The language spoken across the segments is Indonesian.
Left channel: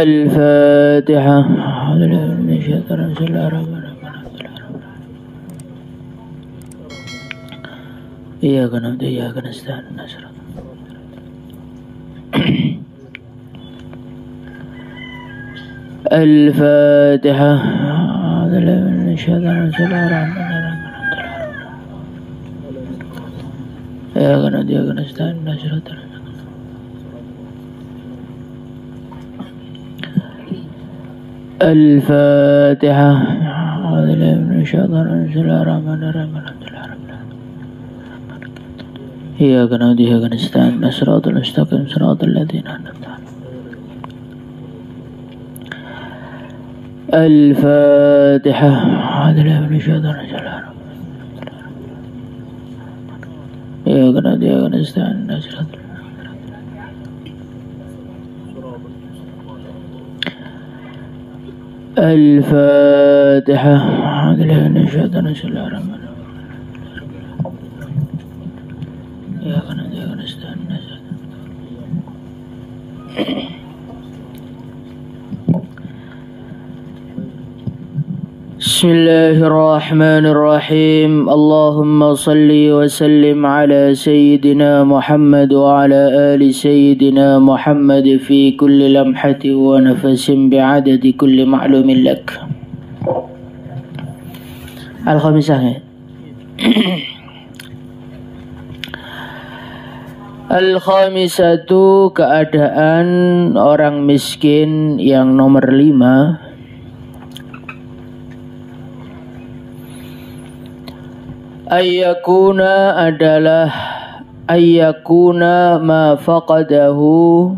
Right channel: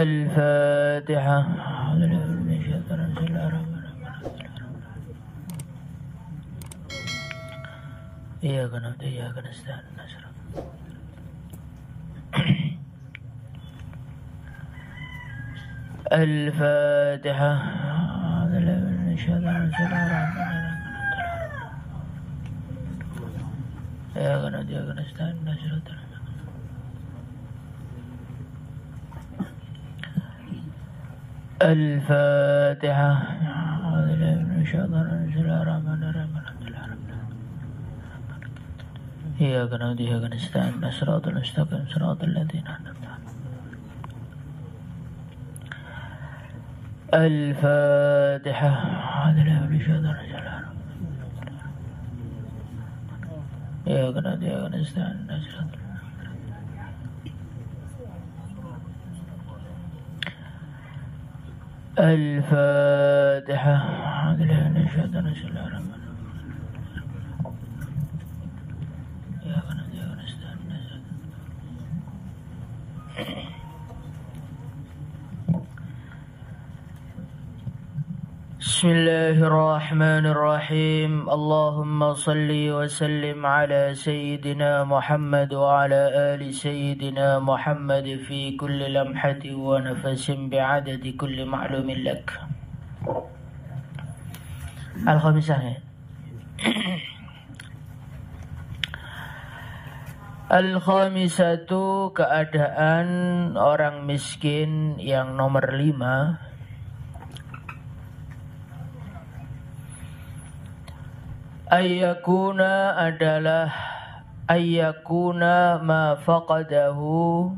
الفاتحة. إياك نعبد وإياك نستعين. الفاتحة. إياك نعبد وإياك نستعين. الفاتحة. إياك نعبد وإياك نستعين. صراط المستقيم صراط الذين أنعمت عليهم. الفاتحة. إياك نعبد وإياك نستعين. الفاتحة. بسم الله الرحمن الرحيم. اللهم صل وسلم على سيدنا محمد وعلى آل سيدنا محمد في كل لمحة ونفس بعدد كل معلوم لك. Al-Khamisah. Al-Khamisatu, keadaan orang miskin yang nomor 5. Ayyakuna adalah ayyakuna ma faqadahu.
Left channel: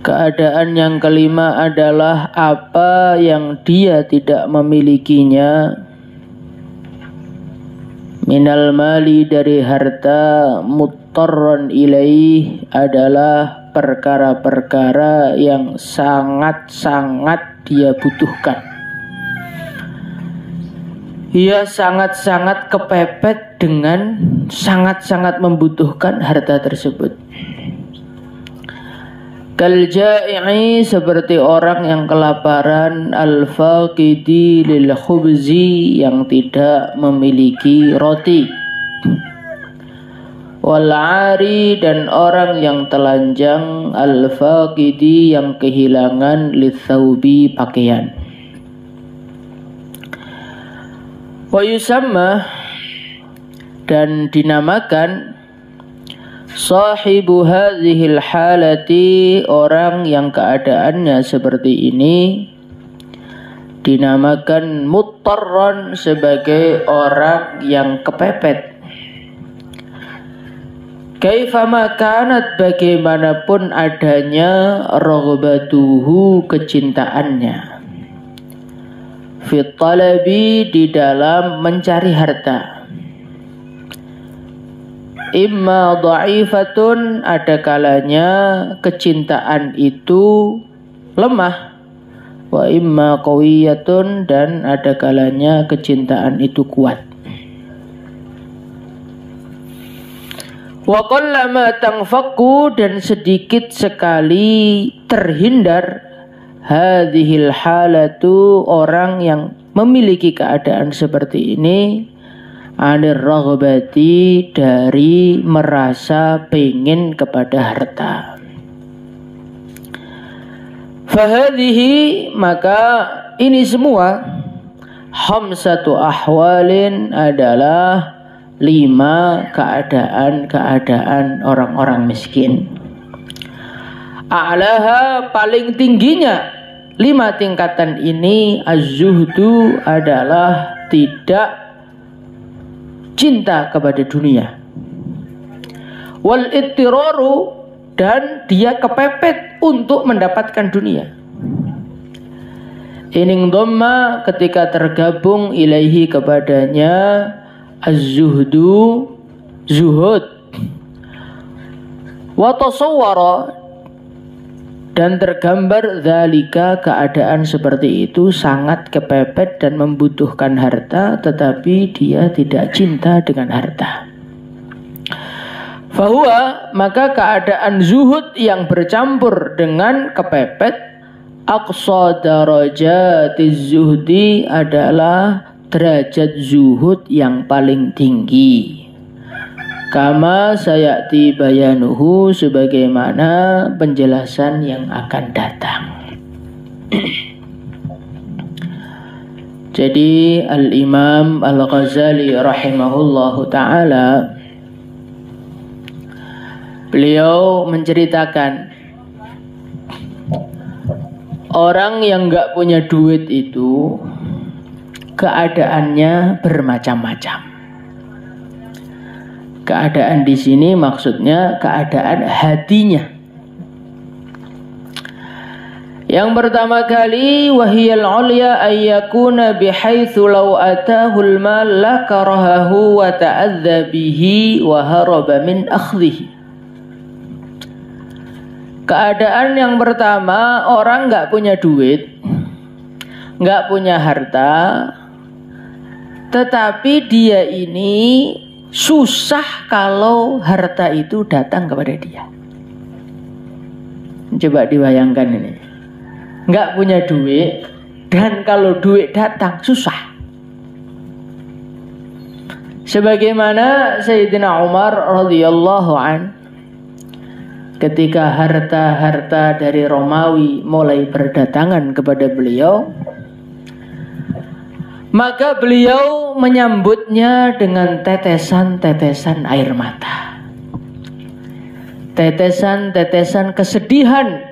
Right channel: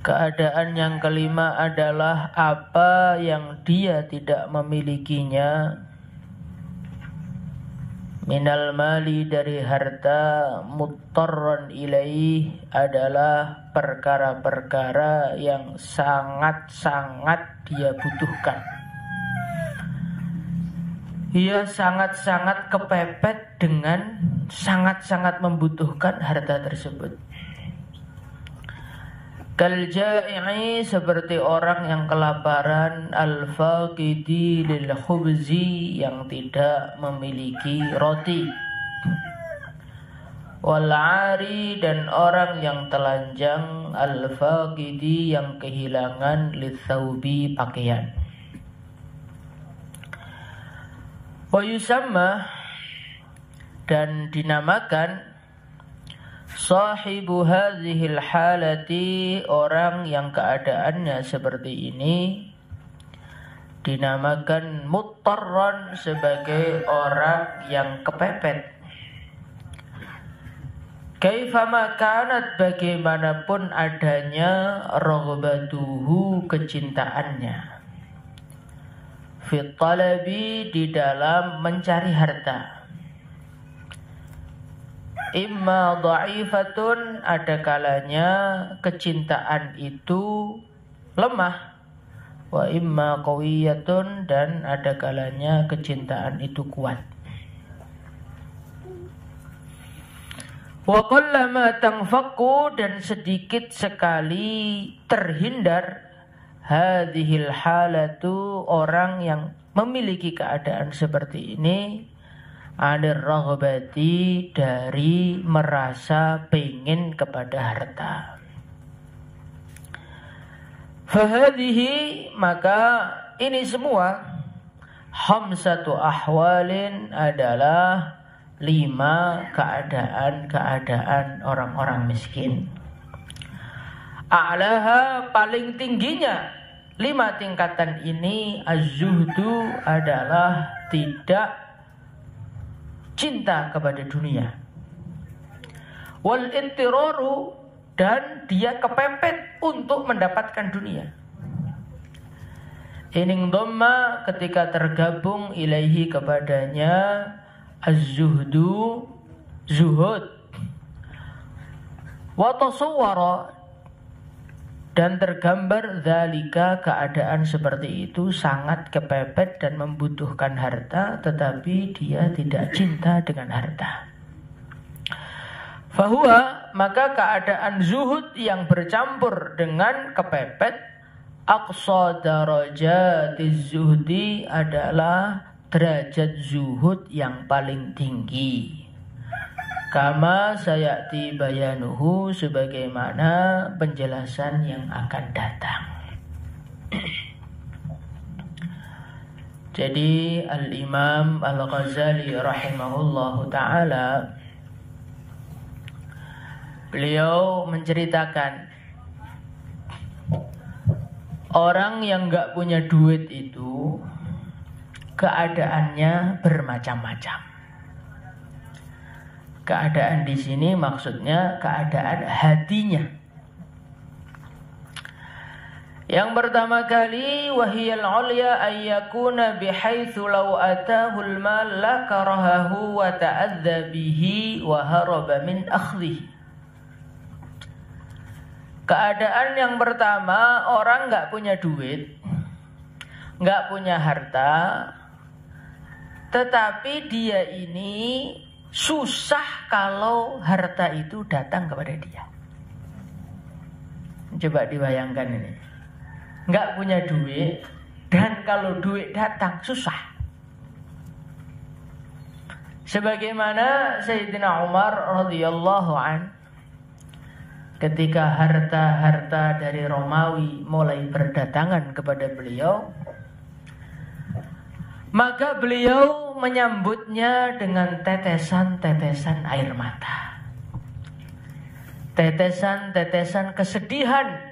Keadaan yang kelima adalah apa yang dia tidak memilikinya. Minal mali, dari harta, muttarran ilaih, adalah perkara-perkara yang sangat-sangat dia butuhkan. Ia sangat-sangat kepepet dengan sangat-sangat membutuhkan harta tersebut. Kal ja'i'i, seperti orang yang kelaparan, al-faqidi lil khubzi, yang tidak memiliki roti. Wal 'ari, dan orang yang telanjang, al-faqidi, yang kehilangan, litsaubi, pakaian. Wa yusamma, dan dinamakan, sahibu hadhil halati, orang yang keadaannya seperti ini, dinamakan muttarran, sebagai orang yang kepepet. Kaifama kanat, bagaimanapun adanya, raghbatuhu, kecintaannya, fit talabi, di dalam mencari harta. Imma dha'ifatun, ada kalanya kecintaan itu lemah. Wa imma qawiyatun, dan ada kalanya kecintaan itu kuat. Wa qallama tanfaqu, dan sedikit sekali terhindar, hadhil halatu, orang yang memiliki keadaan seperti ini, anir raghbati, dari merasa pengen kepada harta. Fahadhihi, maka ini semua, khamsatu ahwalin, adalah 5 keadaan-keadaan orang-orang miskin. A'laha, paling tingginya 5 tingkatan ini, az-zuhdu, adalah tidak cinta kepada dunia. Wal ittiraru, dan dia kepepet untuk mendapatkan dunia. Ining dhamma, ketika tergabung, ilaihi, kepadanya, az-zuhdu, zuhud. Wa tasawwara, Dan tergambar dzalika, keadaan seperti itu sangat kepepet dan membutuhkan harta, tetapi dia tidak cinta dengan harta. Fahuwa, maka keadaan zuhud yang bercampur dengan kepepet, aqsa darajatiz zuhdi, adalah derajat zuhud yang paling tinggi. Kama sayati bayanuhu, sebagaimana penjelasan yang akan datang. Jadi Al-Imam Al-Ghazali rahimahullahu ta'ala, beliau menceritakan orang yang gak punya duit itu keadaannya bermacam-macam. Keadaan di sini maksudnya keadaan hatinya. Yang pertama kali, wahiyal ulya ayyakuna bihaitsu law atahu al-mal la karahahu wa ta'adza bihi wa haraba min akhdhihi. Keadaan yang pertama, orang enggak punya duit, enggak punya harta, tetapi dia ini susah kalau harta itu datang kepada dia. Coba dibayangkan ini. Enggak punya duit, dan kalau duit datang susah. Sebagaimana Sayyidina Umar radhiyallahu an, ketika harta-harta dari Romawi mulai berdatangan kepada beliau, maka beliau menyambutnya dengan tetesan-tetesan air mata, tetesan-tetesan kesedihan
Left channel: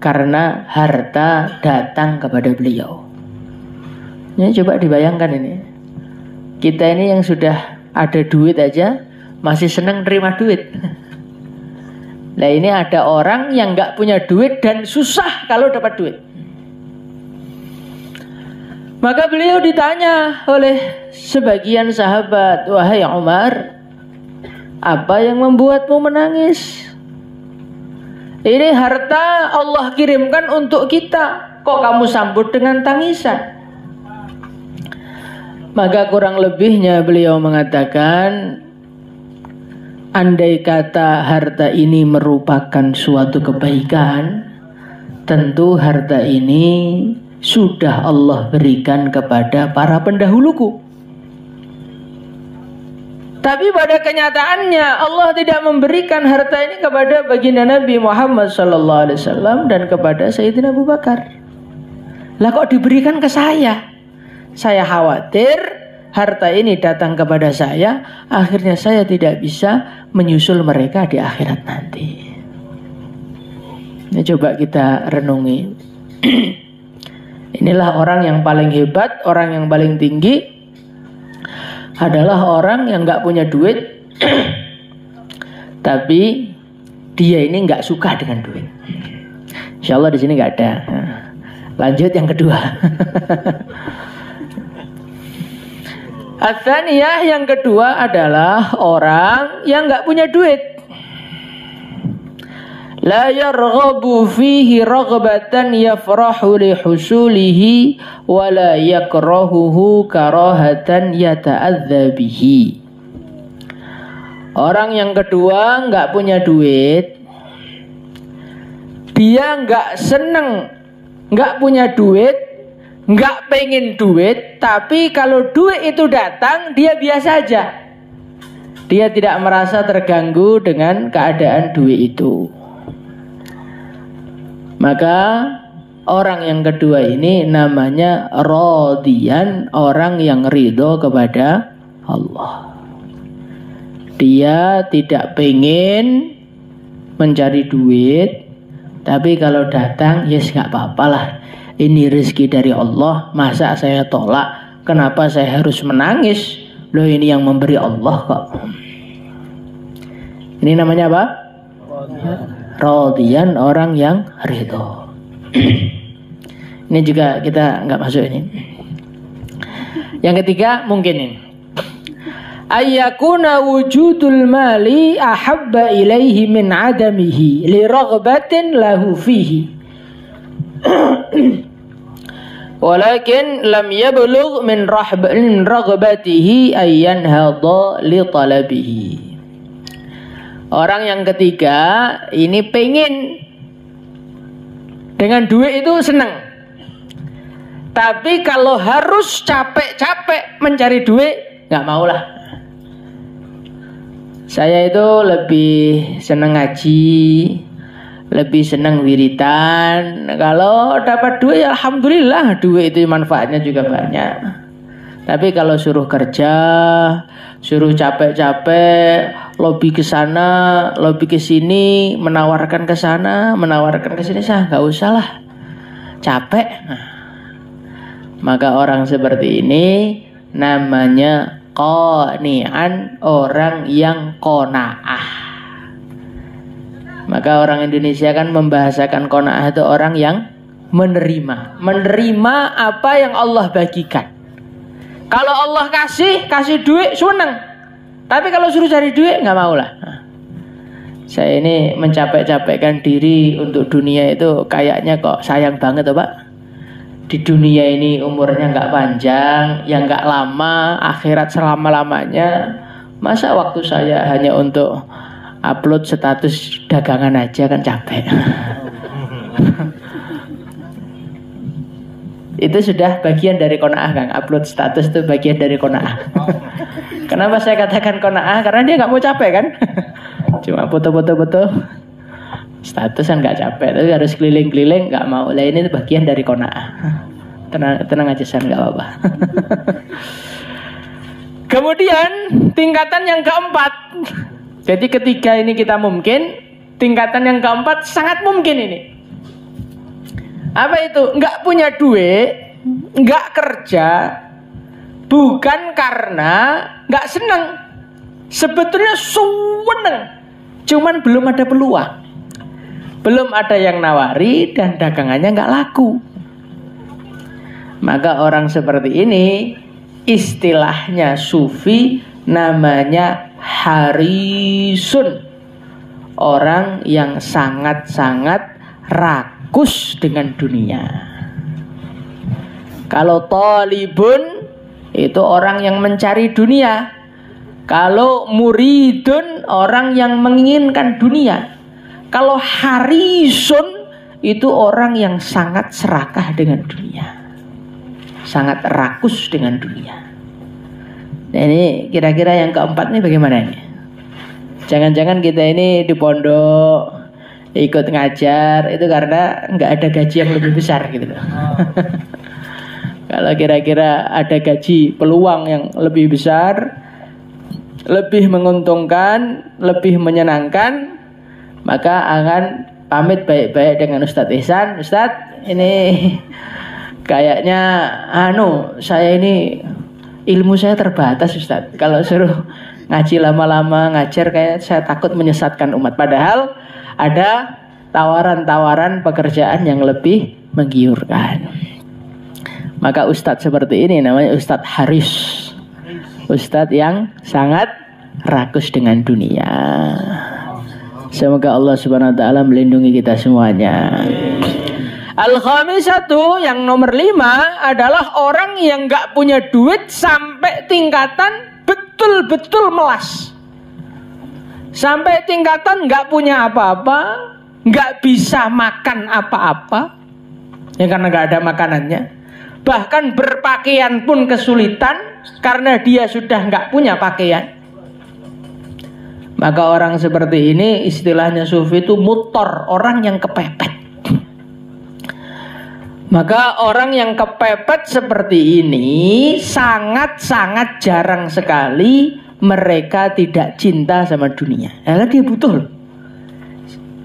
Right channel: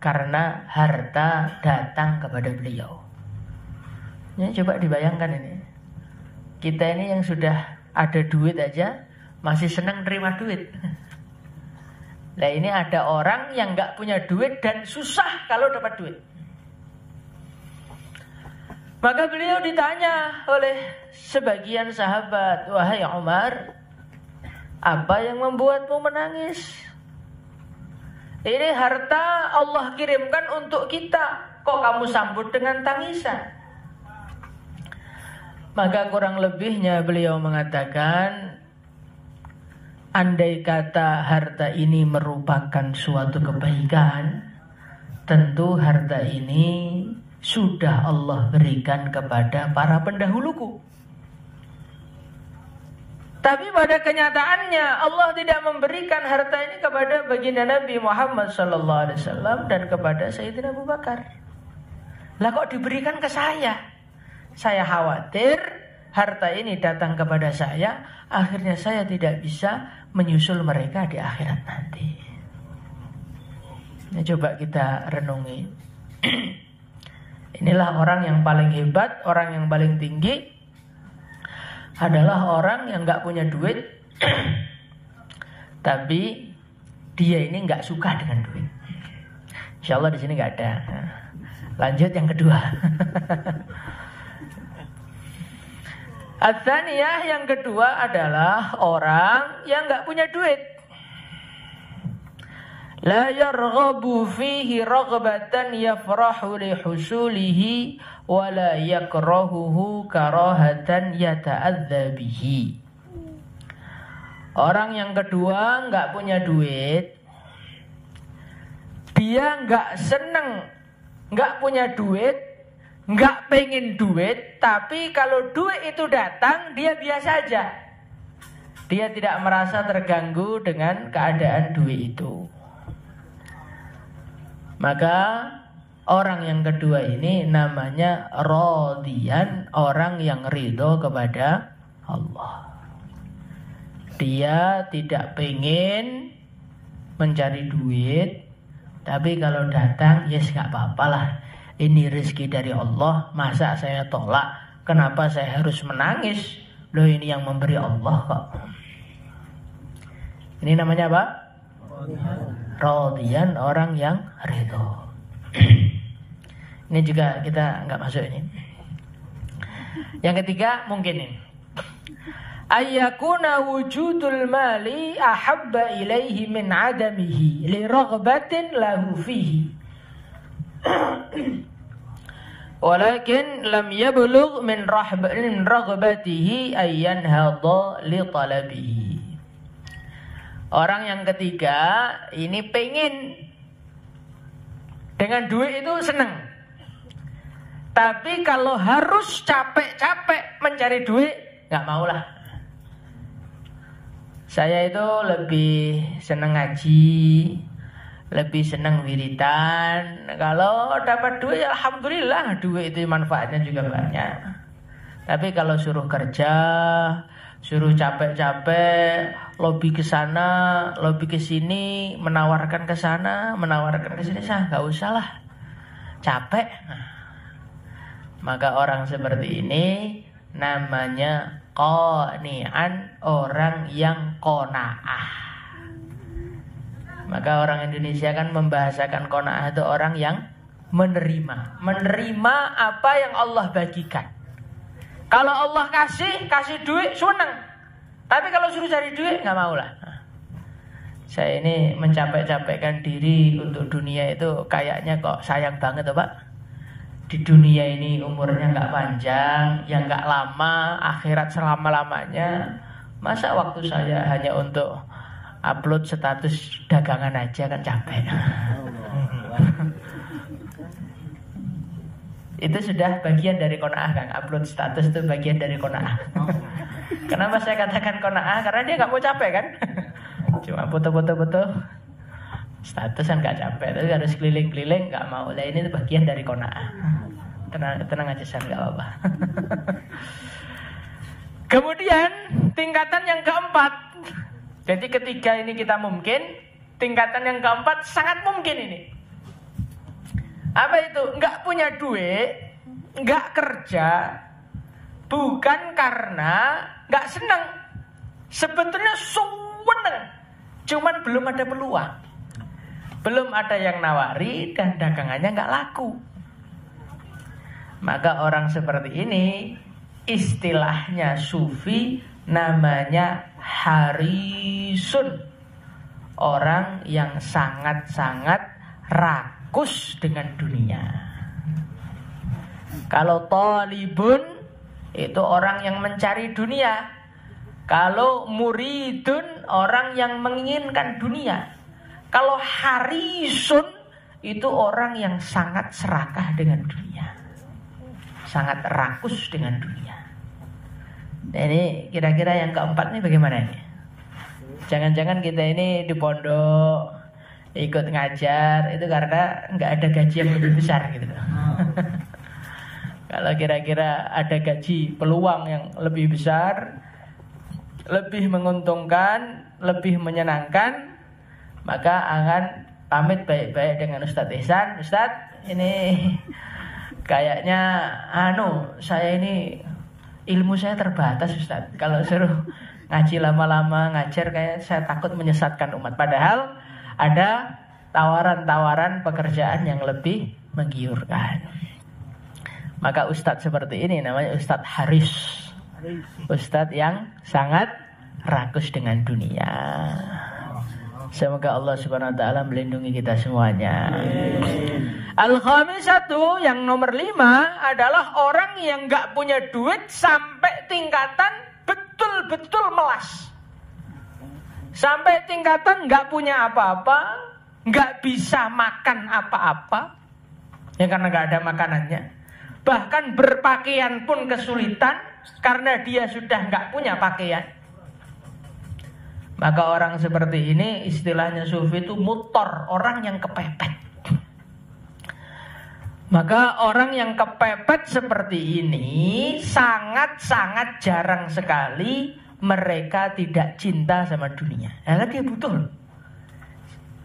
karena harta datang kepada beliau. Ini coba dibayangkan ini. Kita ini yang sudah ada duit aja masih senang terima duit. Nah ini ada orang yang gak punya duit dan susah kalau dapat duit. Maka beliau ditanya oleh sebagian sahabat, wahai Umar, apa yang membuatmu menangis? Ini harta Allah kirimkan untuk kita, kok kamu sambut dengan tangisan? Maka kurang lebihnya beliau mengatakan, andai kata harta ini merupakan suatu kebaikan, tentu harta ini sudah Allah berikan kepada para pendahuluku. Tapi pada kenyataannya Allah tidak memberikan harta ini kepada baginda Nabi Muhammad SAW dan kepada Sayyidina Abu Bakar. Lah kok diberikan ke saya? Saya khawatir harta ini datang kepada saya, akhirnya saya tidak bisa menyusul mereka di akhirat nanti. Ini coba kita renungi. Inilah orang yang paling hebat, orang yang paling tinggi adalah orang yang nggak punya duit, tapi dia ini nggak suka dengan duit. Insya Allah di sini nggak ada. Lanjut yang kedua. Ats-tsaniyah, yang kedua adalah orang yang nggak punya duit. La yarghabu fihi raghbatan yafrahu li husulihi wa la yakrahuhu karahatan yata'adza bihi. Orang yang kedua nggak punya duit, dia nggak seneng, nggak punya duit, nggak pengen duit, tapi kalau duit itu datang dia biasa aja. Dia tidak merasa terganggu dengan keadaan duit itu. Maka orang yang kedua ini namanya radiyan, orang yang ridho kepada Allah. Dia tidak pengen mencari duit, tapi kalau datang, yes gak apa-apa lah. Ini rezeki dari Allah, masa saya tolak? Kenapa saya harus menangis? Loh ini yang memberi Allah kok. Ini namanya apa? Radiyan, orang yang ridho. Ini juga kita nggak masuk ini. Yang ketiga mungkin ini, ayyakuna wujudul mali ahabba ilaihi min adamihi li raghbatin lahu fihi. Walakin lam yablugh min raghbatihi ayyan hadha li talabihi. Orang yang ketiga ini pengen dengan duit itu senang. Tapi kalau harus capek-capek mencari duit, nggak maulah. Saya itu lebih senang ngaji, lebih senang wiridan. Kalau dapat duit, ya alhamdulillah, duit itu manfaatnya juga banyak. Tapi kalau suruh kerja, suruh capek-capek, lobby ke sana, lobby ke sini, menawarkan ke sana, menawarkan ke sini, nggak usah lah, capek. Maka orang seperti ini namanya qani'an, orang yang qanaah. Maka orang Indonesia kan membahasakan qanaah itu orang yang menerima apa yang Allah bagikan. Kalau Allah kasih duit senang. Tapi kalau suruh cari duit nggak mau lah. Saya ini mencapek-capekkan diri untuk dunia itu kayaknya kok sayang banget Pak. Di dunia ini umurnya nggak panjang, yang nggak lama, akhirat selama-lamanya. Masa waktu saya hanya untuk upload status dagangan aja kan capek. Itu sudah bagian dari qanaah Kang. Upload status itu bagian dari qanaah. Kenapa saya katakan qanaah? Karena dia nggak mau capek kan. Cuma foto-foto status kan nggak capek, tapi harus keliling-keliling nggak mau. Lah ini bagian dari qanaah. Tenang aja San, nggak apa-apa. Kemudian tingkatan yang keempat. Jadi ketiga ini kita mungkin, tingkatan yang keempat sangat mungkin ini. Apa itu? Nggak punya duit, nggak kerja, bukan karena nggak senang. Sebetulnya senang, cuman belum ada peluang. Belum ada yang nawari dan dagangannya nggak laku. Maka orang seperti ini istilahnya sufi namanya harisun. Orang yang sangat-sangat rakus dengan dunia. Kalau talibun itu orang yang mencari dunia. Kalau muridun orang yang menginginkan dunia. Kalau harisun itu orang yang sangat serakah dengan dunia. Sangat rakus dengan dunia. Nah ini kira-kira yang keempat ini bagaimana ini? Jangan-jangan kita ini di pondok ikut ngajar itu karena nggak ada gaji yang lebih besar gitu loh. Kalau kira-kira ada gaji peluang yang lebih besar, lebih menguntungkan, lebih menyenangkan, maka akan pamit baik-baik dengan Ustadz Ihsan. Ustadz ini kayaknya saya ini ilmu saya terbatas Ustadz. Kalau suruh ngaji lama-lama ngajar kayak saya takut menyesatkan umat. Padahal ada tawaran-tawaran pekerjaan yang lebih menggiurkan. Maka Ustadz seperti ini namanya Ustadz Haris. Ustadz yang sangat rakus dengan dunia. Semoga Allah Subhanahu wa taala melindungi kita semuanya. Al-khamisatu yang nomor 5 adalah orang yang gak punya duit sampai tingkatan betul-betul melas. Sampai tingkatan gak punya apa-apa, gak bisa makan apa-apa, ya karena gak ada makanannya. Bahkan berpakaian pun kesulitan karena dia sudah gak punya pakaian. Maka orang seperti ini istilahnya sufi itu mutor, orang yang kepepet. Maka orang yang kepepet seperti ini sangat-sangat jarang sekali mereka tidak cinta sama dunia. Karena dia butuh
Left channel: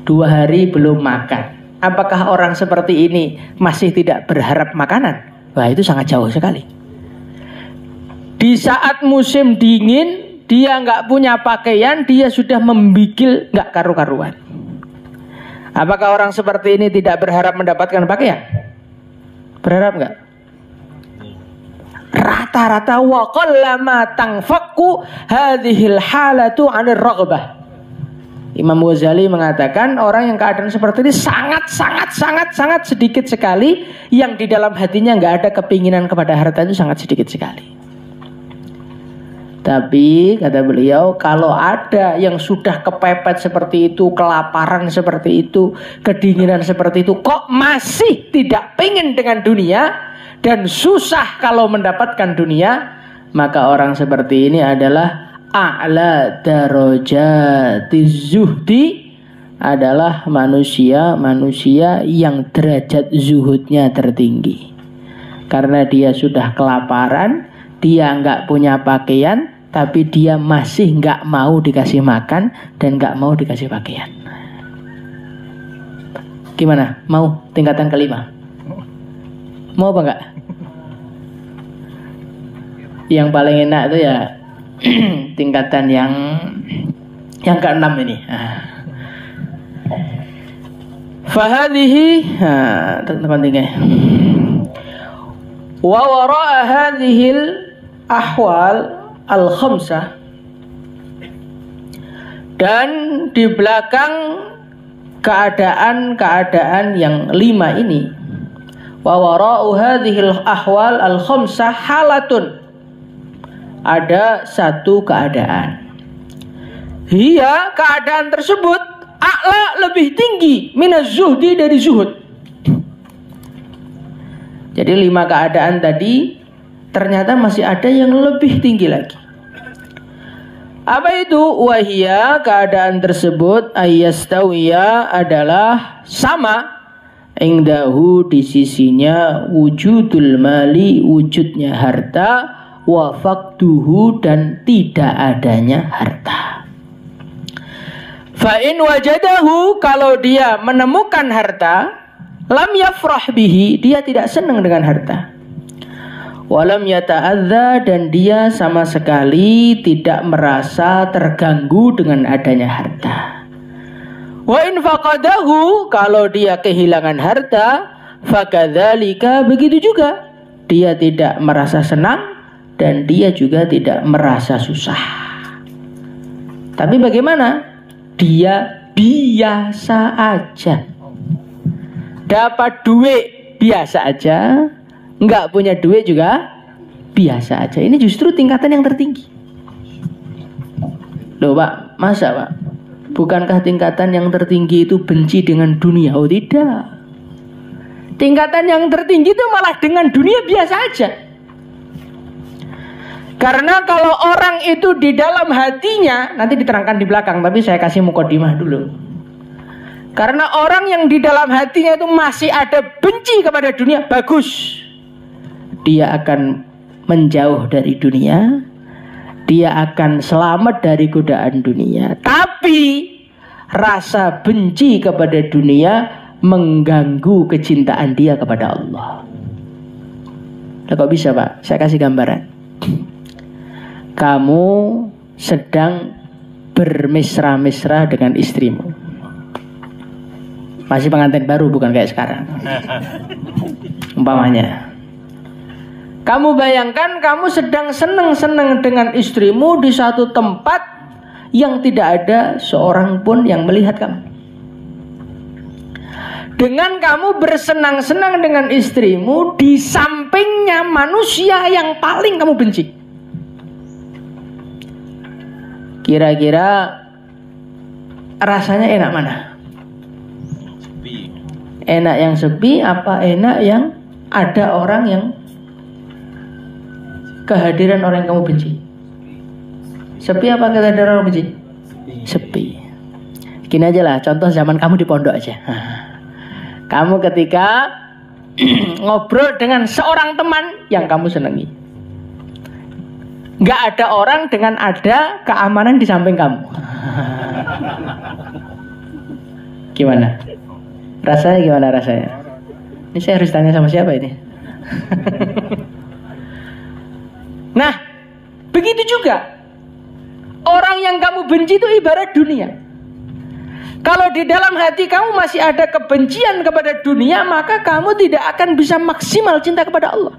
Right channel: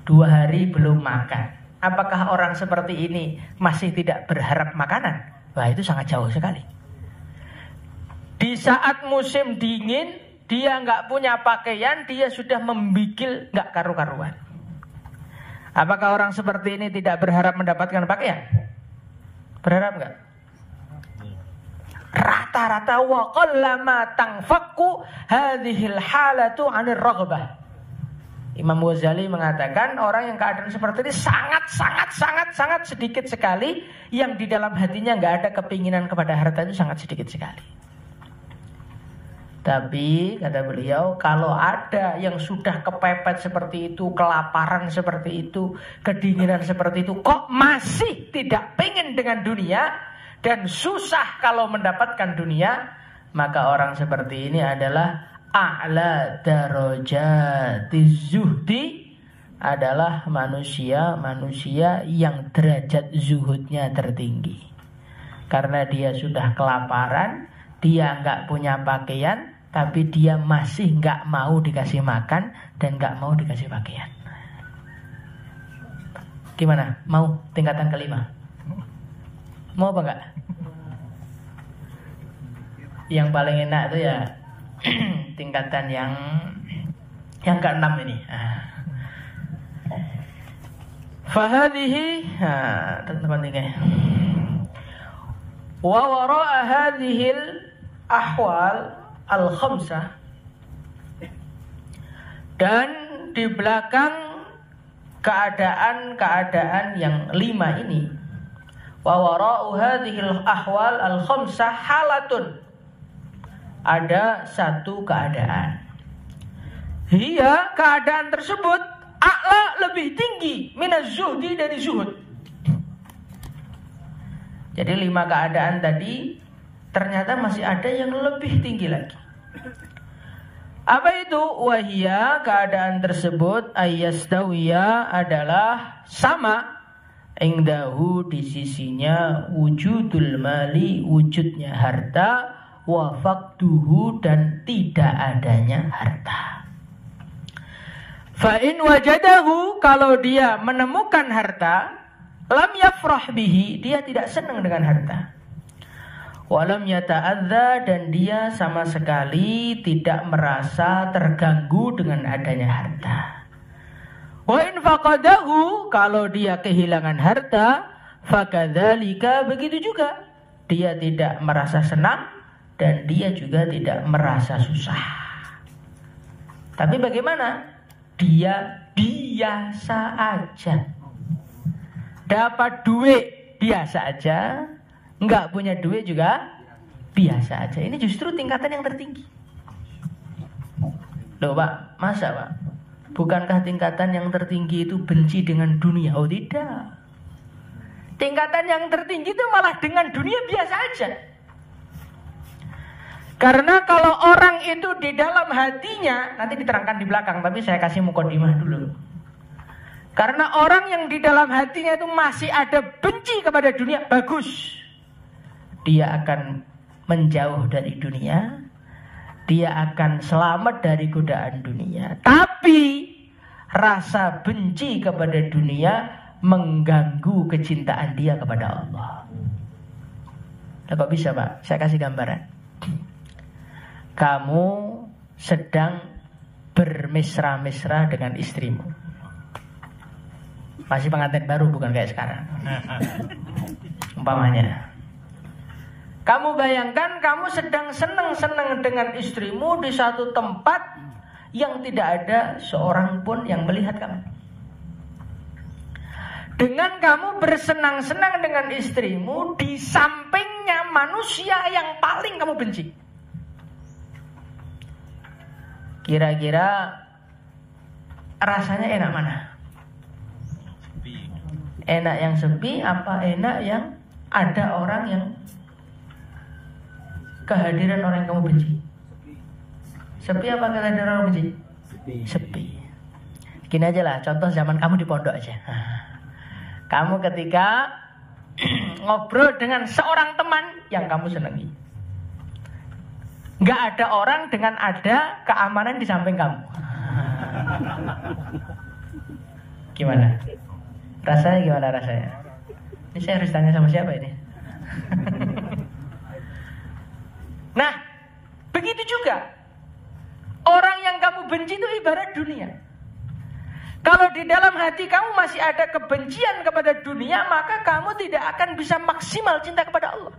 2 hari belum makan. Apakah orang seperti ini masih tidak berharap makanan? Wah, itu sangat jauh sekali. Di saat musim dingin dia nggak punya pakaian, dia sudah membigil nggak karu-karuan. Apakah orang seperti ini tidak berharap mendapatkan pakaian? Berharap nggak? Rata-rata wa qallama tanfakku hadhil halatu 'anir raghbah. Imam Ghazali mengatakan orang yang keadaan seperti ini sangat sedikit sekali yang di dalam hatinya nggak ada kepinginan kepada harta, itu sangat sedikit sekali. Tapi kata beliau, kalau ada yang sudah kepepet seperti itu, kelaparan seperti itu, kedinginan seperti itu, kok masih tidak pengen dengan dunia dan susah kalau mendapatkan dunia, maka orang seperti ini adalah a'la darajatiz zuhdi, adalah manusia yang derajat zuhudnya tertinggi. Karena dia sudah kelaparan, dia nggak punya pakaian, tapi dia masih nggak mau dikasih makan dan nggak mau dikasih pakaian. Gimana? Mau tingkatan kelima? Mau apa enggak? Yang paling enak itu ya tingkatan yang ke-6 ini. Fahadhihi wa wara'a hadhil ahwal al-khamsah, dan di belakang keadaan-keadaan yang 5 ini, wa wara'u hadhil ahwal al-khamsah halatun, ada satu keadaan. Hiya, keadaan tersebut a'la, lebih tinggi, minaz zuhdi, dari zuhud. Jadi 5 keadaan tadi ternyata masih ada yang lebih tinggi lagi. Apa itu? Wahia, keadaan tersebut ayyastawiya, adalah sama, indahu, di sisinya, wujudul mali, wujudnya harta, wa faqduhu, dan tidak adanya harta. Fa in wajadahu, kalau dia menemukan harta, lam yafrah bihi, dia tidak senang dengan harta. Walam yata'adza, dan dia sama sekali tidak merasa terganggu dengan adanya harta. Wa in faqadahu, kalau dia kehilangan harta, fakadzalika, begitu juga, dia tidak merasa senang dan dia juga tidak merasa susah. Tapi bagaimana? Dia biasa aja. Dapat duit biasa aja, nggak punya duit juga biasa aja. Ini justru tingkatan yang tertinggi. Loh Pak, masa Pak? Bukankah tingkatan yang tertinggi itu benci dengan dunia? Oh tidak. Tingkatan yang tertinggi itu malah dengan dunia biasa aja. Karena kalau orang itu di dalam hatinya, nanti diterangkan di belakang, tapi saya kasih mukadimah dulu. Karena orang yang di dalam hatinya itu masih ada benci kepada dunia, bagus. Dia akan menjauh dari dunia, dia akan selamat dari godaan dunia. Tapi rasa benci kepada dunia mengganggu kecintaan dia kepada Allah. Nah, kok bisa Pak? Saya kasih gambaran. Kamu sedang bermesra-mesra dengan istrimu. Masih pengantin baru, bukan kayak sekarang. Umpamanya, kamu bayangkan kamu sedang senang-senang dengan istrimu di satu tempat yang tidak ada seorang pun yang melihat kamu. Dengan kamu bersenang-senang dengan istrimu, di sampingnya manusia yang paling kamu benci. Kira-kira rasanya enak mana? Enak yang sepi apa enak yang ada orang yang kehadiran orang yang kamu benci? Sepi apa kehadiran orang benci? Sepi. Gini aja lah, contoh zaman kamu di pondok aja. Kamu ketika ngobrol dengan seorang teman yang kamu senangi, nggak ada orang dengan ada keamanan di samping kamu. Gimana? Rasanya gimana rasanya? Ini saya harus tanya sama siapa ini? Nah, begitu juga. Orang yang kamu benci itu ibarat dunia. Kalau di dalam hati kamu masih ada kebencian kepada dunia, maka kamu tidak akan bisa maksimal cinta kepada Allah.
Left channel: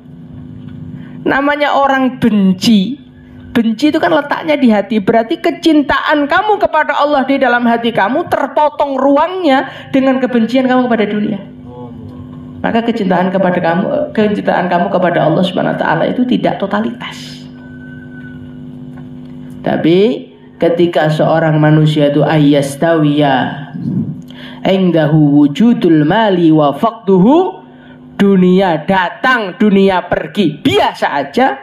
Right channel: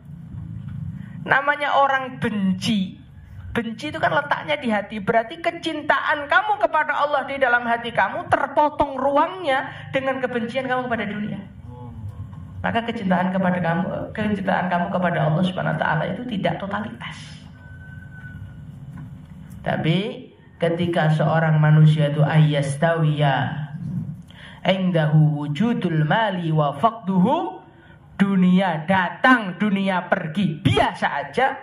Namanya orang benci, Benci itu kan letaknya di hati. Berarti kecintaan kamu kepada Allah di dalam hati kamu terpotong ruangnya dengan kebencian kamu kepada dunia. Maka kecintaan kamu kepada Allah Subhanahu wa taala itu tidak totalitas. Tapi ketika seorang manusia itu ayyastawiya indahu wujudul mali wa faqduhu, dunia datang, dunia pergi, biasa aja,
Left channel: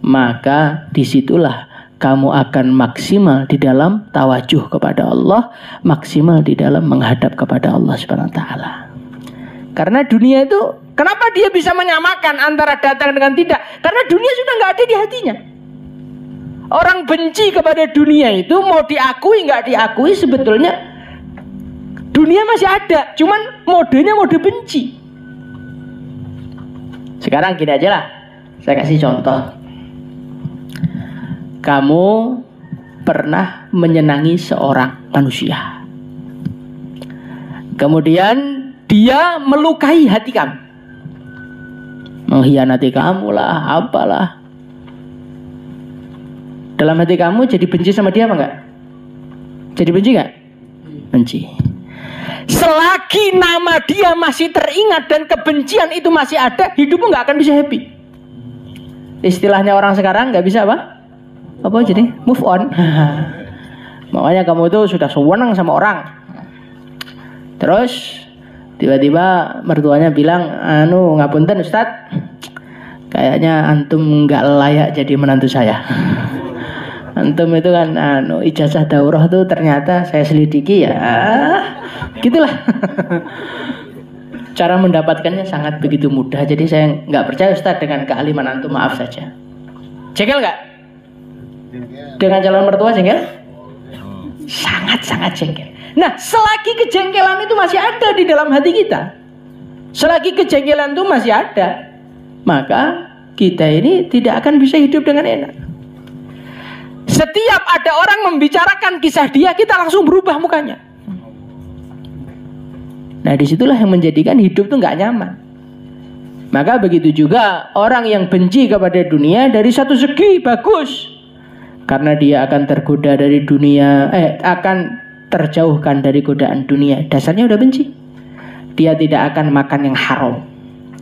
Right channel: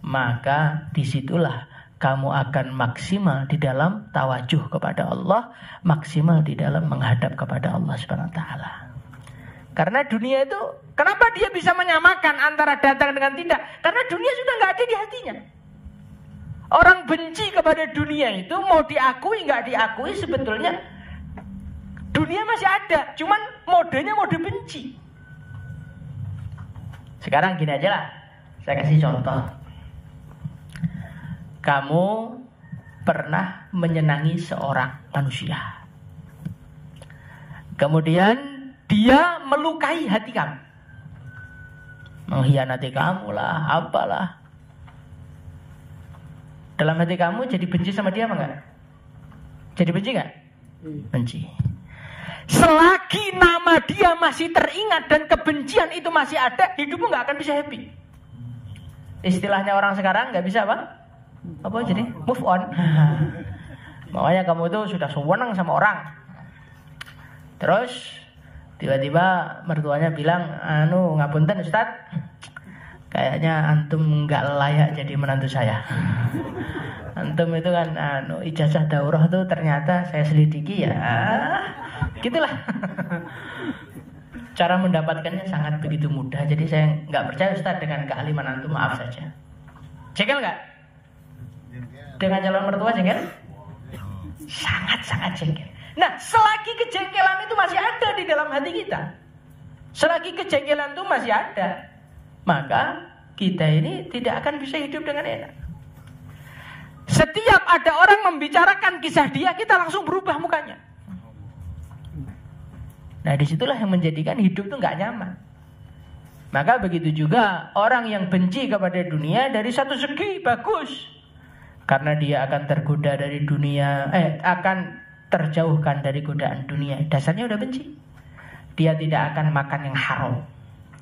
maka disitulah kamu akan maksimal di dalam tawajuh kepada Allah, maksimal di dalam menghadap kepada Allah Subhanahu wa taala. Karena dunia itu, kenapa dia bisa menyamakan antara datang dengan tidak? Karena dunia sudah nggak ada di hatinya. Orang benci kepada dunia itu mau diakui nggak diakui, sebetulnya dunia masih ada, cuman modenya mode benci. Sekarang gini aja lah, saya kasih contoh. Kamu pernah menyenangi seorang manusia, kemudian dia melukai hati kamu, mengkhianati kamu lah, apalah. Dalam hati kamu jadi benci sama dia apa enggak? Jadi benci enggak? Benci. Selagi nama dia masih teringat dan kebencian itu masih ada, hidupmu nggak akan bisa happy. Istilahnya orang sekarang nggak bisa apa? Apa jadi? Move on. Makanya kamu itu sudah sewenang sama orang. Terus tiba-tiba mertuanya bilang, ngapunten Ustadz, kayaknya antum nggak layak jadi menantu saya. Antum itu kan ijazah daurah tuh ternyata saya selidiki ya. Gitulah. Cara mendapatkannya sangat begitu mudah. Jadi saya nggak percaya Ustaz dengan kealiman antum, maaf saja. Jengkel nggak? Dengan calon mertua jengkel? Sangat-sangat jengkel. Nah, selagi kejengkelan itu masih ada di dalam hati kita, selagi kejengkelan itu masih ada, maka kita ini tidak akan bisa hidup dengan enak. Setiap ada orang membicarakan kisah dia, kita langsung berubah mukanya. Nah, disitulah yang menjadikan hidup itu nggak nyaman. Maka begitu juga orang yang benci kepada dunia, dari satu segi bagus, karena dia akan tergoda dari dunia, akan terjauhkan dari godaan dunia. Dasarnya udah benci. Dia tidak akan makan yang haram,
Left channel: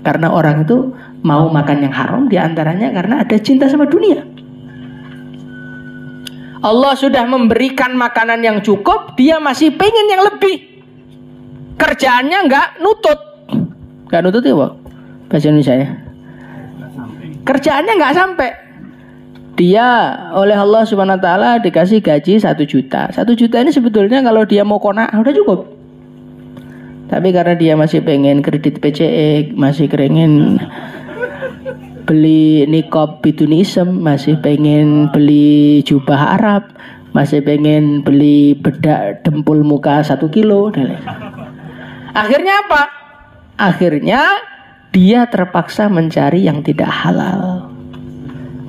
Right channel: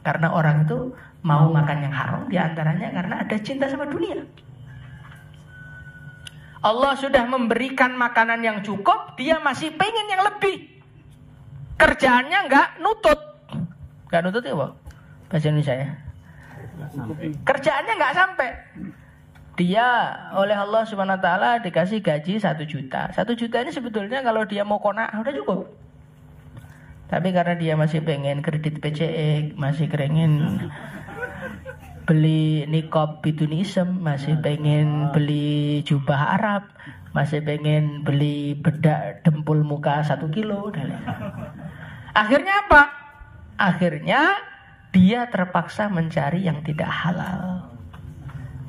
karena orang itu mau makan yang haram diantaranya karena ada cinta sama dunia. Allah sudah memberikan makanan yang cukup, dia masih pengen yang lebih. Kerjaannya nggak nutut. Nggak nutut ya, Pak? Bahasa Indonesia ya. Kerjaannya nggak sampai. Dia oleh Allah Subhanahu wa taala dikasih gaji 1 juta. 1 juta ini sebetulnya kalau dia mau qanaah udah cukup. Tapi karena dia masih pengen kredit PCE, masih pengen beli niqab bitunism, masih pengen beli jubah Arab, masih pengen beli bedak dempul muka 1 kilo. Akhirnya apa? Akhirnya dia terpaksa mencari yang tidak halal.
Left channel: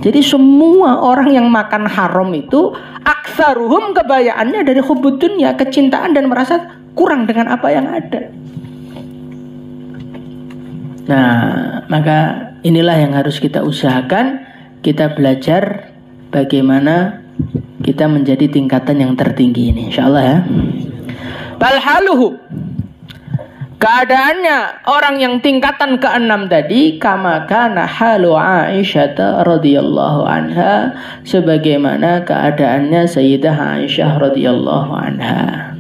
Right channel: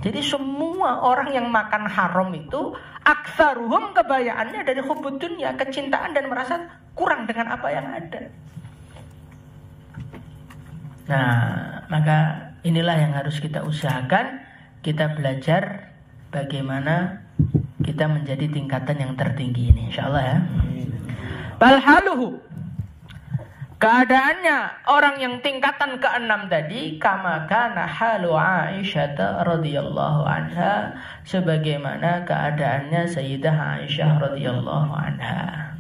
Jadi semua orang yang makan haram itu aktsaruhum kebayaannya dari hubbud dunya, kecintaan dan merasa kurang dengan apa yang ada. Nah, maka inilah yang harus kita usahakan. Kita belajar bagaimana kita menjadi tingkatan yang tertinggi ini, insyaallah ya. Balhaluhu, keadaannya orang yang tingkatan ke-6 tadi, kama kana halu Aisyah radhiyallahu anha, sebagaimana keadaannya Sayyidah Aisyah radhiyallahu anha.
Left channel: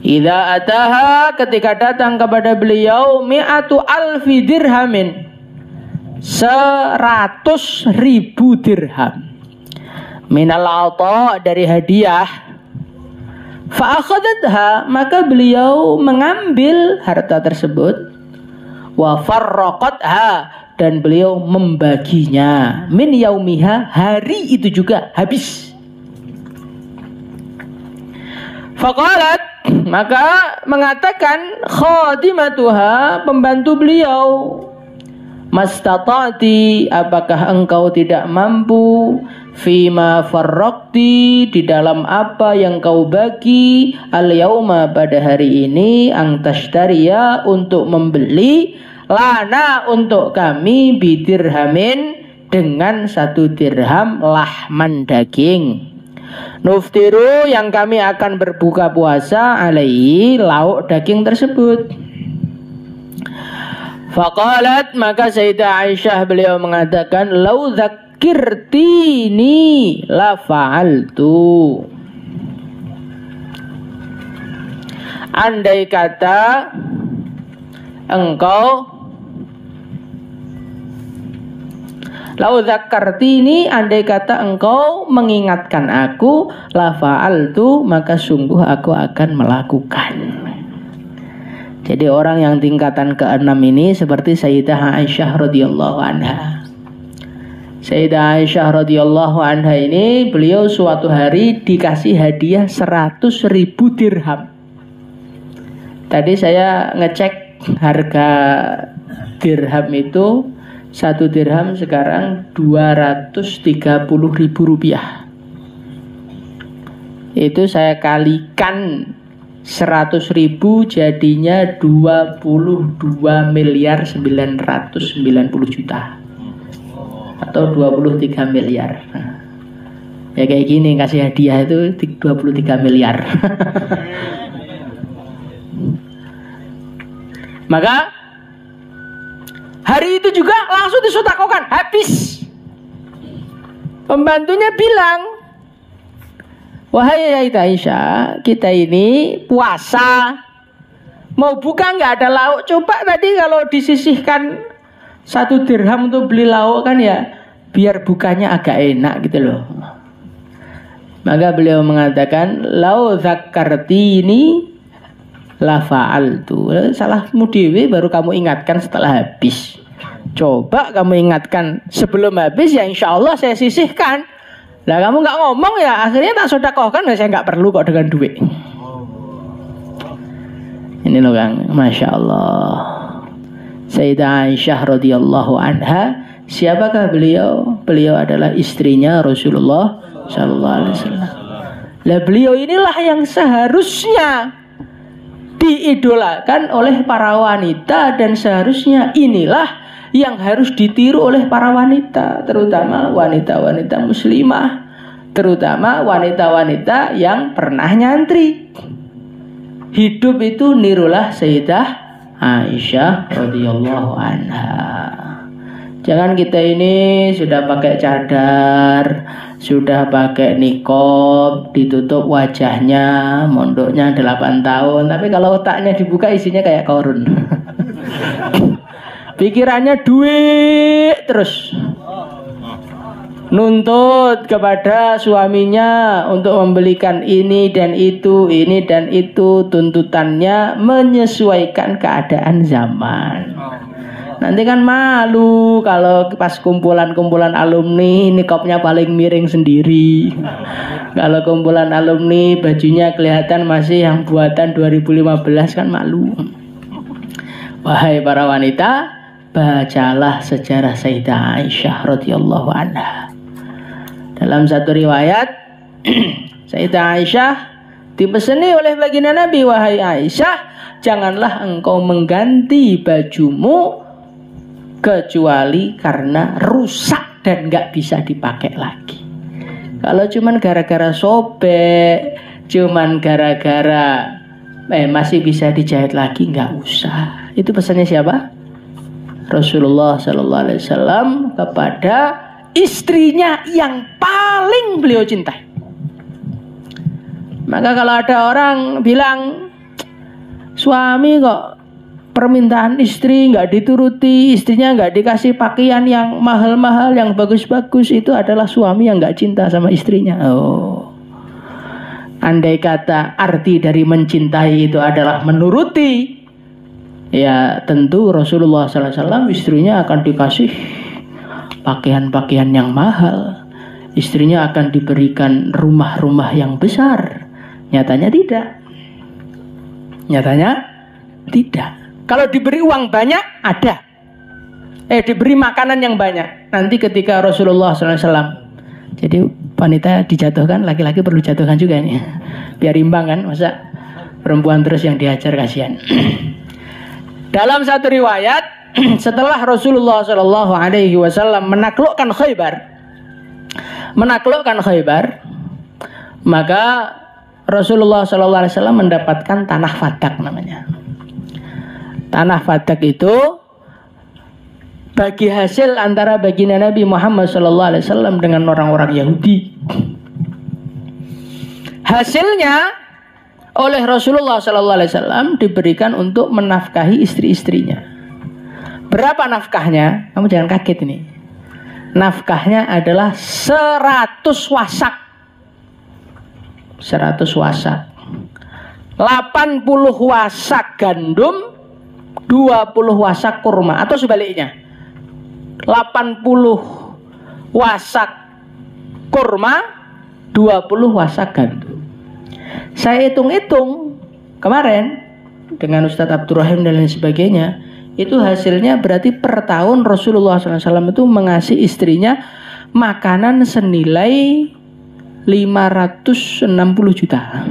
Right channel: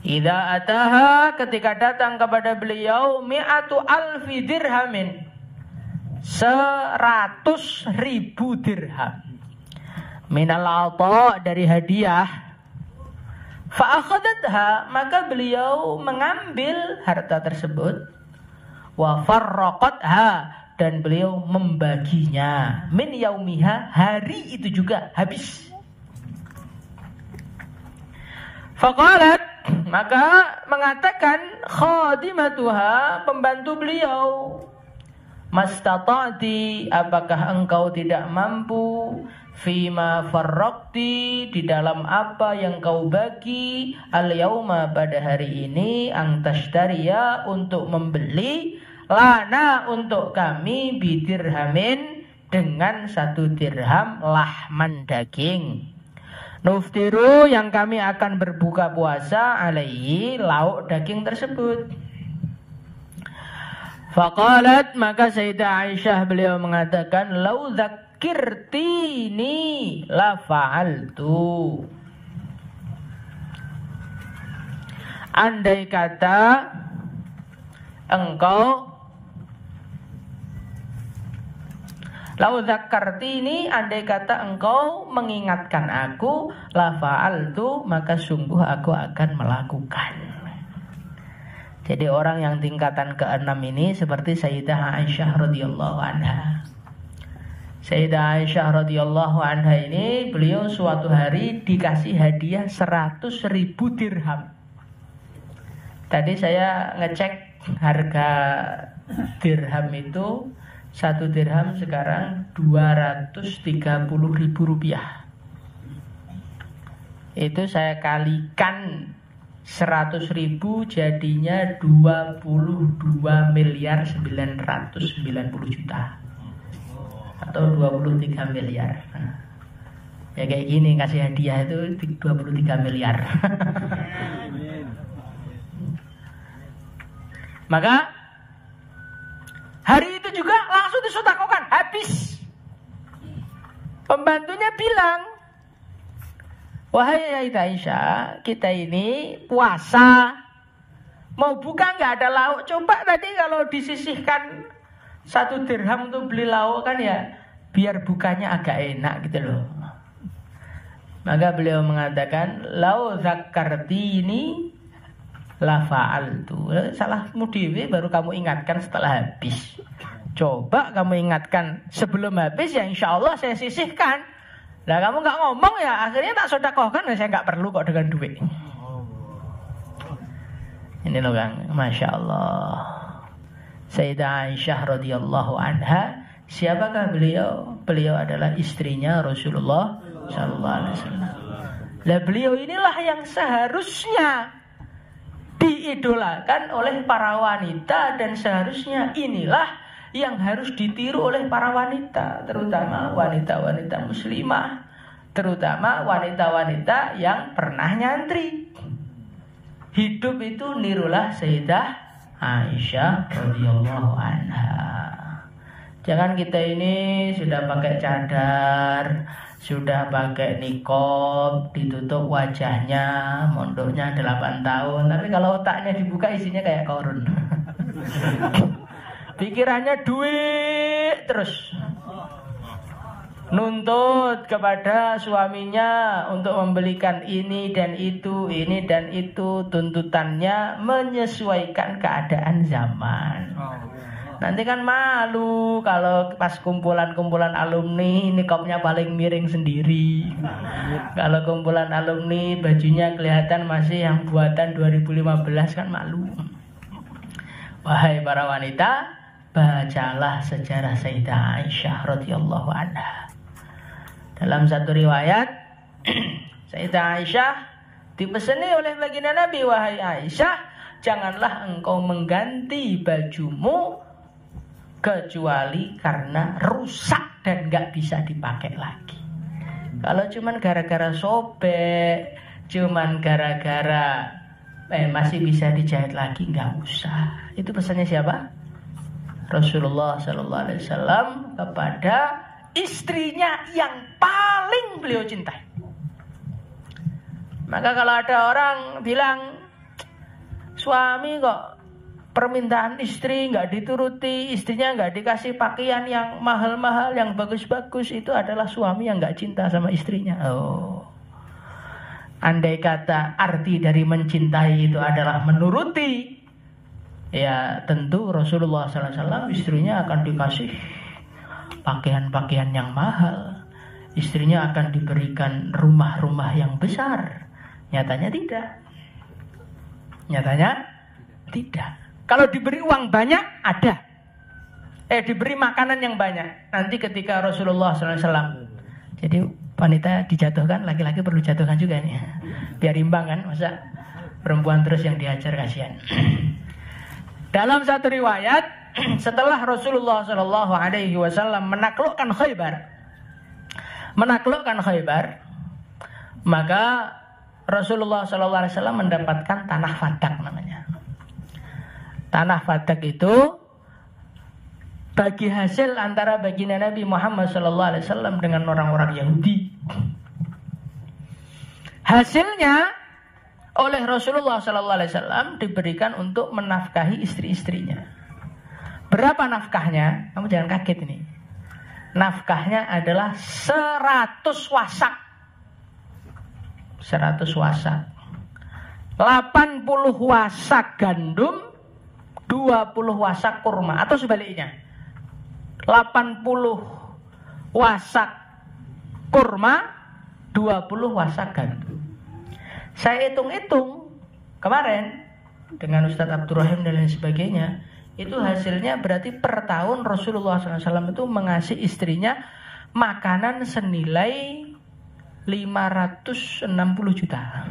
Idza ataha, ketika datang kepada beliau, mi'atu alfi dirhamin, 100.000 dirham, minal ata, dari hadiah. Fa'akhadatha, maka beliau mengambil harta tersebut. Wa farraqatha, dan beliau membaginya. Min yaumiha, hari itu juga habis. Faqalat, maka mengatakan khadimatuha, pembantu beliau, mastata'ti, apakah engkau tidak mampu, fima farraqti, di dalam apa yang kau bagi, al yauma, pada hari ini, ang tashtariya, untuk membeli, lana, untuk kami, bidirhamin, dengan 1 dirham lahman daging. Nuftiru, yang kami akan berbuka puasa alaihi, lauk daging tersebut. Faqalat, maka Sayyidah Aisyah beliau mengatakan, lau dzakirtini la fa'altu. Andai kata engkau, lau dzakartini, andai kata engkau mengingatkan aku, la fa'altu, maka sungguh aku akan melakukan. Jadi orang yang tingkatan ke-6 ini seperti Sayyidah Aisyah radhiyallahu anha. Sayyidah Aisyah radhiyallahu anha ini, beliau suatu hari dikasih hadiah 100.000 dirham. Tadi saya ngecek harga dirham itu, 1 dirham sekarang 230.000 rupiah. Itu saya kalikan 100.000 jadinya 22.990 juta atau 23 miliar. Ya kayak gini, kasih hadiah itu 23 miliar. Maka hari itu juga langsung disedekahkan, habis. Pembantunya bilang, wahai Aisyah, kita ini puasa, mau buka nggak ada lauk. Coba tadi kalau disisihkan 1 dirham untuk beli lauk kan ya, biar bukanya agak enak gitu loh. Maka beliau mengatakan, lau dzakartini la fa'altu. Salahmu dewe, baru kamu ingatkan setelah habis. Coba kamu ingatkan sebelum habis, ya insya Allah saya sisihkan. Lah kamu nggak ngomong ya, akhirnya tak sedekahkan, saya nggak perlu kok dengan duit. Ini loh Kang, Masya Allah. Sayyidah Aisyah radhiyallahu anha, siapakah beliau? Beliau adalah istrinya Rasulullah sallallahu alaihi wasallam. Lah beliau inilah yang seharusnya diidolakan oleh para wanita, dan seharusnya inilah yang harus ditiru oleh para wanita, terutama wanita-wanita muslimah, terutama wanita-wanita yang pernah nyantri. Hidup itu nirulah Sayyidah Aisyah radhiyallahu anha. Jangan kita ini sudah pakai cadar, sudah pakai niqab, ditutup wajahnya, mondoknya 8 tahun, tapi kalau otaknya dibuka isinya kayak korun. Pikirannya duit terus. Nuntut kepada suaminya untuk membelikan ini dan itu, tuntutannya menyesuaikan keadaan zaman. Nanti kan malu kalau pas kumpulan-kumpulan alumni niqabnya paling miring sendiri. Kalau kumpulan alumni bajunya kelihatan masih yang buatan 2015 kan malu. Wahai para wanita, bacalah sejarah Sayyidah Aisyah radhiyallahu anha. Dalam satu riwayat, Sayyidah Aisyah dipeseni oleh baginda Nabi, wahai Aisyah, janganlah engkau mengganti bajumu kecuali karena rusak dan nggak bisa dipakai lagi. Kalau cuman gara-gara sobek, cuman gara-gara masih bisa dijahit lagi, nggak usah. Itu pesannya siapa? Rasulullah Sallallahu Alaihi Wasallam kepada istrinya yang paling beliau cintai. Maka kalau ada orang bilang suami kok permintaan istri nggak dituruti, istrinya nggak dikasih pakaian yang mahal-mahal, yang bagus-bagus, itu adalah suami yang nggak cinta sama istrinya. Oh, andai kata arti dari mencintai itu adalah menuruti, ya tentu Rasulullah SAW istrinya akan dikasih pakaian-pakaian yang mahal, istrinya akan diberikan rumah-rumah yang besar. Nyatanya tidak. Nyatanya tidak. Kalau diberi uang banyak, ada. Diberi makanan yang banyak. Nanti ketika Rasulullah SAW, jadi wanita dijatuhkan, laki-laki perlu jatuhkan juga nih, biar imbang kan, masa perempuan terus yang diajar, kasihan. Dalam satu riwayat, setelah Rasulullah Shallallahu Alaihi Wasallam menaklukkan Khaybar, maka Rasulullah Shallallahu Alaihi Wasallam mendapatkan tanah Fadak namanya. Tanah Fadak itu bagi hasil antara baginda Nabi Muhammad Shallallahu Alaihi Wasallam dengan orang-orang Yahudi. Hasilnya oleh Rasulullah Sallallahu Alaihi Wasallam diberikan untuk menafkahi istri-istrinya. Berapa nafkahnya? Kamu jangan kaget ini. Nafkahnya adalah 100 wasak. 100 wasak. 80 wasak gandum, 20 wasak kurma, atau sebaliknya. 80 wasak kurma, 20 wasak gandum. Saya hitung-hitung kemarin dengan Ustadz Abdurrahim dan lain sebagainya, itu hasilnya berarti per tahun Rasulullah SAW itu mengasih istrinya makanan senilai 560 juta.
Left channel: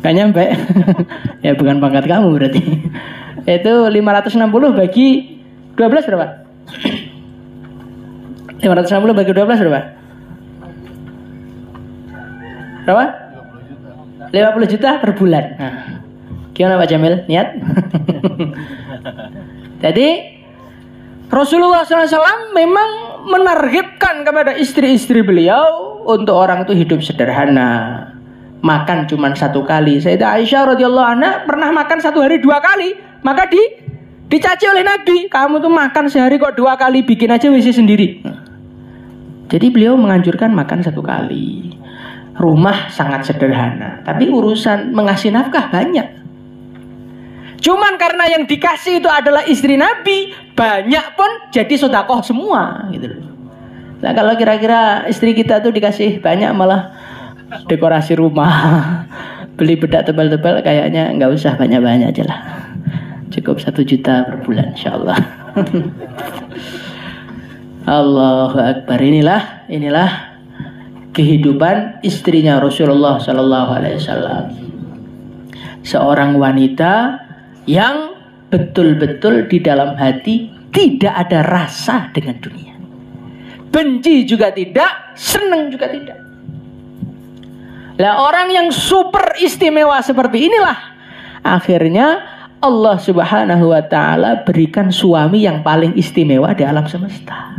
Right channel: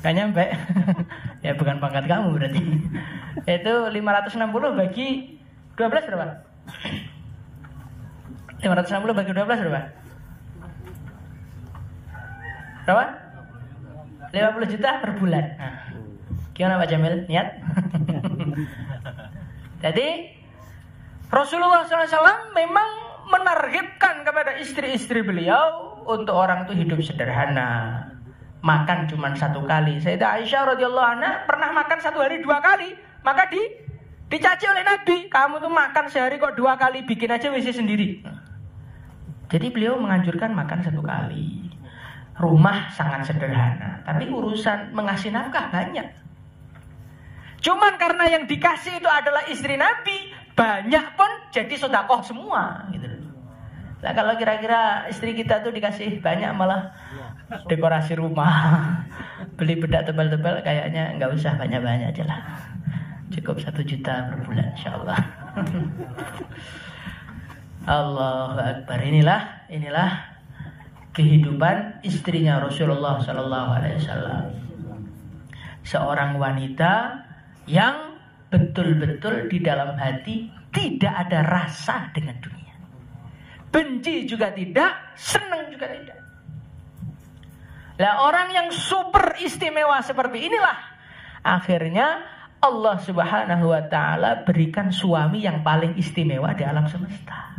Gak nyampe. Ya bukan pangkat kamu berarti. Itu 560 bagi 12 berapa? 560 bagi 12 berapa? Berapa? 50 juta per bulan. Nah, gimana Pak Jamil? Niat? Jadi Rasulullah SAW memang menargetkan kepada istri-istri beliau untuk orang itu hidup sederhana, makan cuma 1 kali. Sayyidah Aisyah radhiyallahu anha pernah makan 1 hari 2 kali, maka dicaci oleh Nabi, kamu tuh makan sehari kok 2 kali, bikin aja WC sendiri. Jadi beliau menganjurkan makan 1 kali. Rumah sangat sederhana, tapi urusan mengasih nafkah banyak. Cuman karena yang dikasih itu adalah istri Nabi, banyak pun jadi sedekah semua gitu loh. Nah, kalau kira-kira istri kita tuh dikasih banyak malah dekorasi rumah, beli bedak tebal-tebal, kayaknya nggak usah banyak-banyak aja lah. Cukup 1 juta per bulan insyaallah. Allahu Akbar. Inilah kehidupan istrinya Rasulullah Sallallahu Alaihi Wasallam. Seorang wanita yang betul-betul di dalam hati tidak ada rasa dengan dunia. Benci juga tidak, senang juga tidak. Nah, orang yang super istimewa seperti inilah akhirnya Allah Subhanahu wa taala berikan suami yang paling istimewa di alam semesta.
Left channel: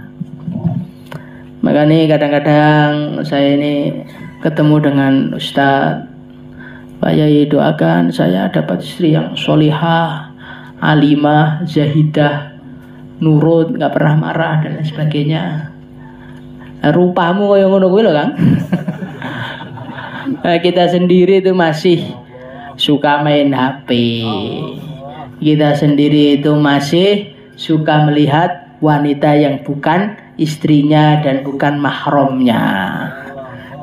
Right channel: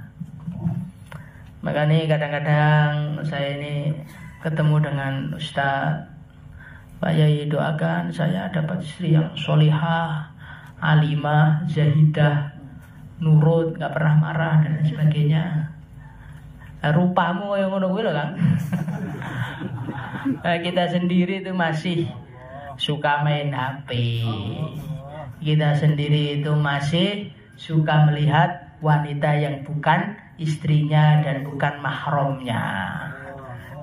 Makanya kadang-kadang saya ini ketemu dengan Ustadz, Pak Yai doakan saya dapat istri yang solihah, alimah, zahidah, nurut, gak pernah marah dan lain sebagainya. Rupamu kayak ngono kuwi lho Kang. Kita sendiri itu masih suka main HP. Kita sendiri itu masih suka melihat wanita yang bukan istrinya dan bukan mahramnya.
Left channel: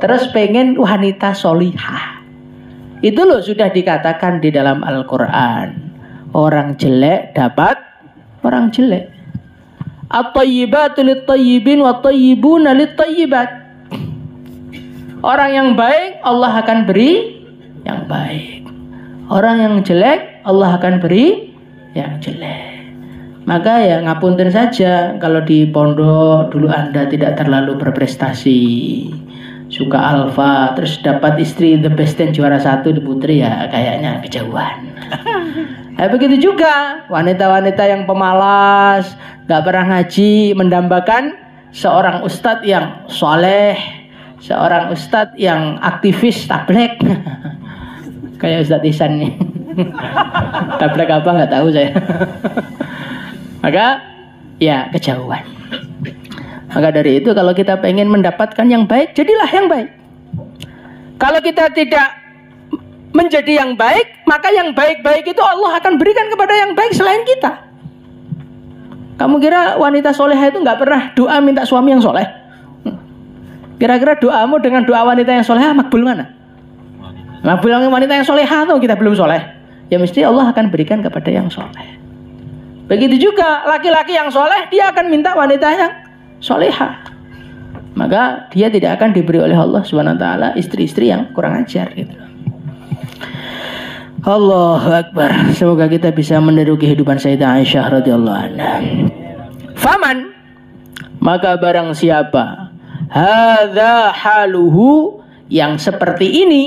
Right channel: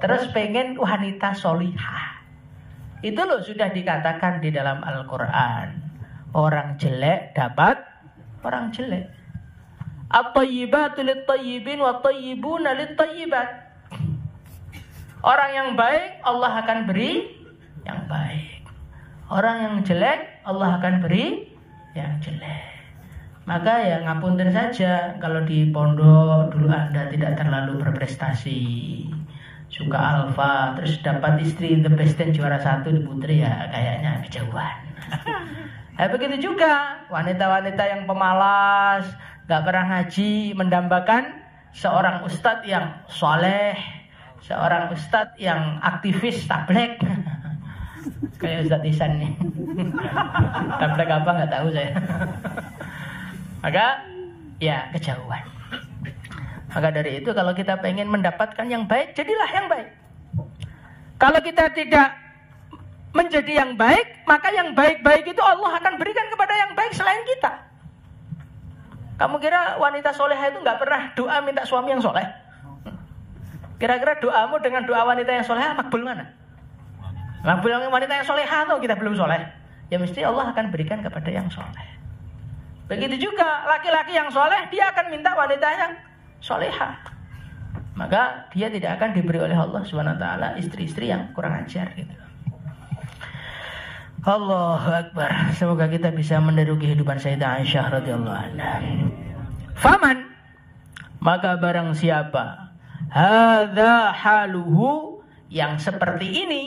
Terus pengen wanita solihah. Itu loh sudah dikatakan di dalam Al-Quran. Orang jelek dapat orang jelek. At-tayyibatu lit-tayyibin wa tayyibuna lit-tayyibat. Orang yang baik Allah akan beri yang baik. Orang yang jelek Allah akan beri yang jelek. Maka ya ngapunten saja kalau di pondok dulu Anda tidak terlalu berprestasi, suka alfa, terus dapat istri the best dan juara 1 di putri, ya kayaknya kejauhan. Nah, begitu juga wanita-wanita yang pemalas, gak pernah ngaji, mendambakan seorang ustadz yang soleh, seorang ustadz yang aktivis tablek. Kayak Ustadz Ihsan nih. Tablek apa nggak tahu saya. Maka ya kejauhan. Maka dari itu kalau kita pengen mendapatkan yang baik, jadilah yang baik. Kalau kita tidak menjadi yang baik, maka yang baik-baik itu Allah akan berikan kepada yang baik selain kita. Kamu kira wanita soleha itu nggak pernah doa minta suami yang soleh? Kira-kira doamu dengan doa wanita yang soleha makbul mana? Makbul wanita yang soleha atau kita belum soleh? Ya mesti Allah akan berikan kepada yang soleh. Begitu juga laki-laki yang soleh, dia akan minta wanita yang soleha. Maka dia tidak akan diberi oleh Allah SWT istri-istri yang kurang ajar gitu. Allahu Akbar. Semoga kita bisa meniru kehidupan Sayyidah Aisyah radhiyallahu anha. Faman, maka barang siapa hadza haluhu, yang seperti ini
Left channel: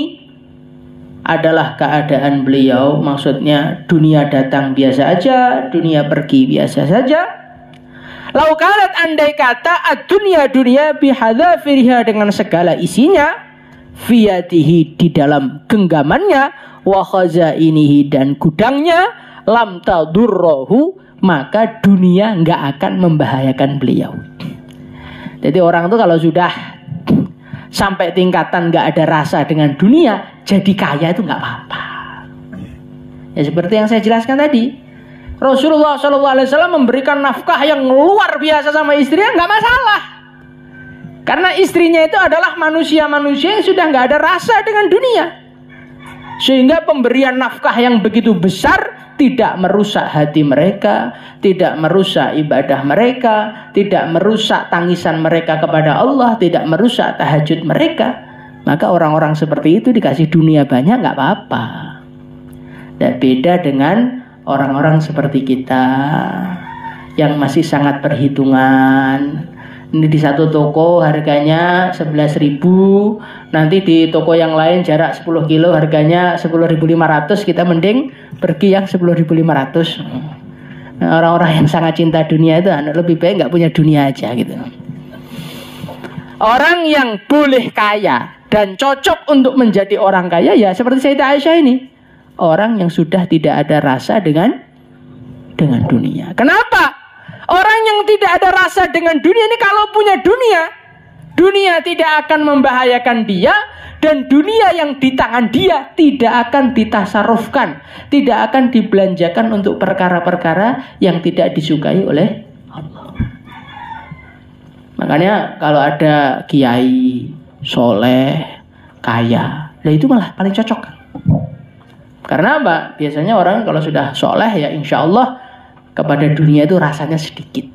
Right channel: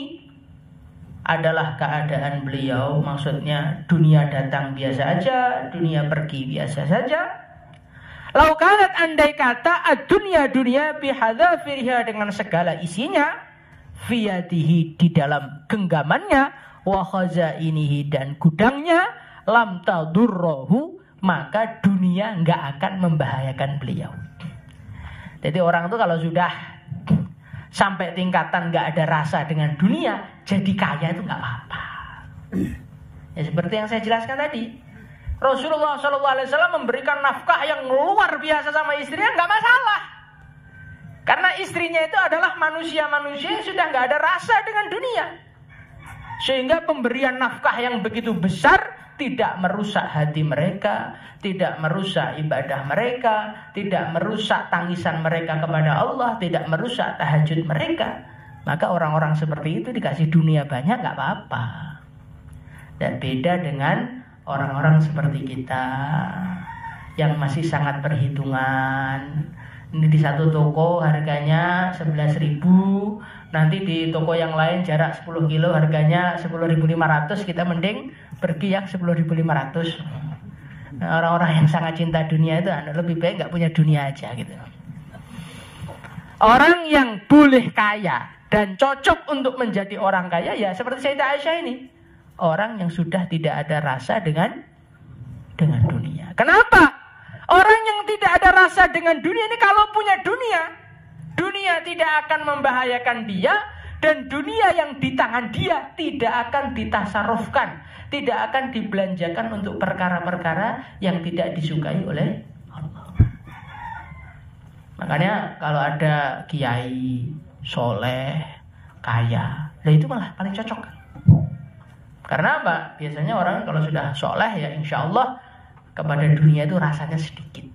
adalah keadaan beliau, maksudnya dunia datang biasa aja, dunia pergi biasa saja. Lau kanat, andai kata dunia bihadzafiriha, dengan segala isinya, fiyatihi, di dalam genggamannya, wa khazainihi, dan gudangnya, lam tadurrohu, maka dunia nggak akan membahayakan beliau. Jadi orang itu kalau sudah sampai tingkatan nggak ada rasa dengan dunia, jadi kaya itu nggak apa-apa. Ya seperti yang saya jelaskan tadi, Rasulullah SAW memberikan nafkah yang luar biasa sama istrinya, nggak masalah. Karena istrinya itu adalah manusia-manusia yang sudah nggak ada rasa dengan dunia, sehingga pemberian nafkah yang begitu besar tidak merusak hati mereka, tidak merusak ibadah mereka, tidak merusak tangisan mereka kepada Allah, tidak merusak tahajud mereka. Maka orang-orang seperti itu dikasih dunia banyak nggak apa-apa. Dan beda dengan orang-orang seperti kita yang masih sangat perhitungan. Ini di satu toko harganya 11.000, nanti di toko yang lain jarak 10 kilo harganya 10.500, kita mending pergi yang 10.500. Nah, orang-orang yang sangat cinta dunia itu lebih baik nggak punya dunia aja gitu. Orang yang boleh kaya dan cocok untuk menjadi orang kaya ya seperti Sayyidah Aisyah ini, orang yang sudah tidak ada rasa dengan dunia. Kenapa? Orang yang tidak ada rasa dengan dunia ini kalau punya dunia, dunia tidak akan membahayakan dia, dan dunia yang di tangan dia tidak akan ditasarufkan, tidak akan dibelanjakan untuk perkara-perkara yang tidak disukai oleh Allah. Makanya kalau ada kiai soleh kaya, nah itu malah paling cocok. Karena apa? Biasanya orang kalau sudah soleh ya insya Allah kepada dunia itu rasanya sedikit.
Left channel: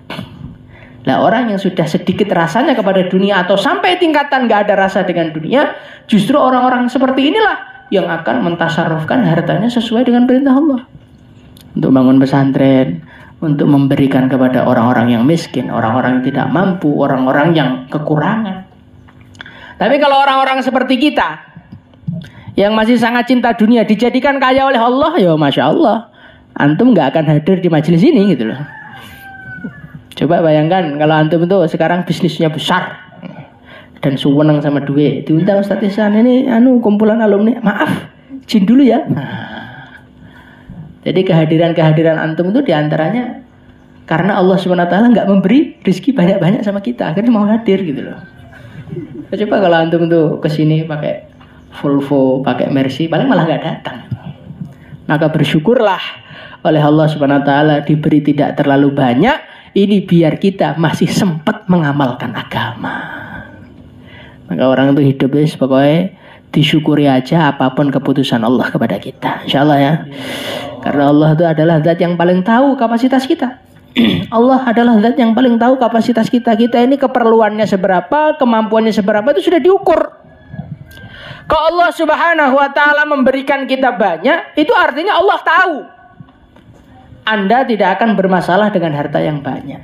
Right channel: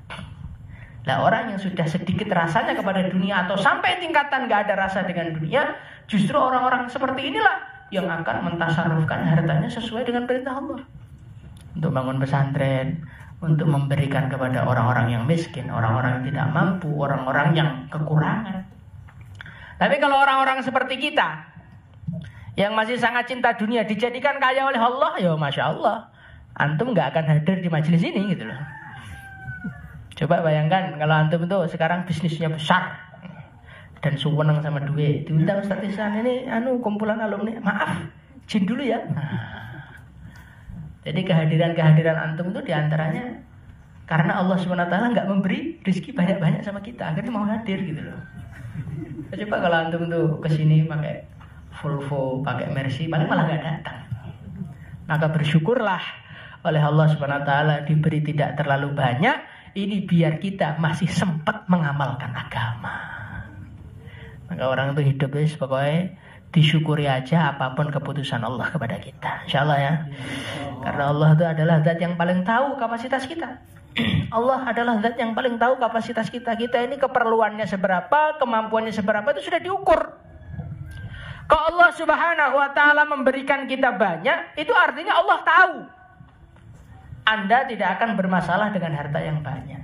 Nah orang yang sudah sedikit rasanya kepada dunia atau sampai tingkatan gak ada rasa dengan dunia, justru orang-orang seperti inilah yang akan mentasarufkan hartanya sesuai dengan perintah Allah. Untuk bangun pesantren, untuk memberikan kepada orang-orang yang miskin, orang-orang yang tidak mampu, orang-orang yang kekurangan. Tapi kalau orang-orang seperti kita yang masih sangat cinta dunia dijadikan kaya oleh Allah, ya Masya Allah, antum gak akan hadir di majelis ini gitu loh. Coba bayangkan kalau antum itu sekarang bisnisnya besar dan suwenang sama duit, diundang Ustaz Ihsan, ini kumpulan alumni, maaf izin dulu ya. Jadi kehadiran antum itu diantaranya karena Allah SWT gak memberi rezeki banyak-banyak sama kita, akhirnya mau hadir gitu loh. Coba kalau antum tuh kesini pakai Volvo, pakai Mercy, paling malah gak datang. Maka bersyukurlah oleh Allah SWT diberi tidak terlalu banyak, ini biar kita masih sempat mengamalkan agama. Maka orang itu hidup pokoknya disyukuri aja apapun keputusan Allah kepada kita, insya Allah ya. Karena Allah itu adalah zat yang paling tahu kapasitas kita. Allah adalah zat yang paling tahu kapasitas kita. Kita ini keperluannya seberapa, kemampuannya seberapa itu sudah diukur. Kalau Allah Subhanahu wa ta'ala memberikan kita banyak, itu artinya Allah tahu Anda tidak akan bermasalah dengan harta yang banyak.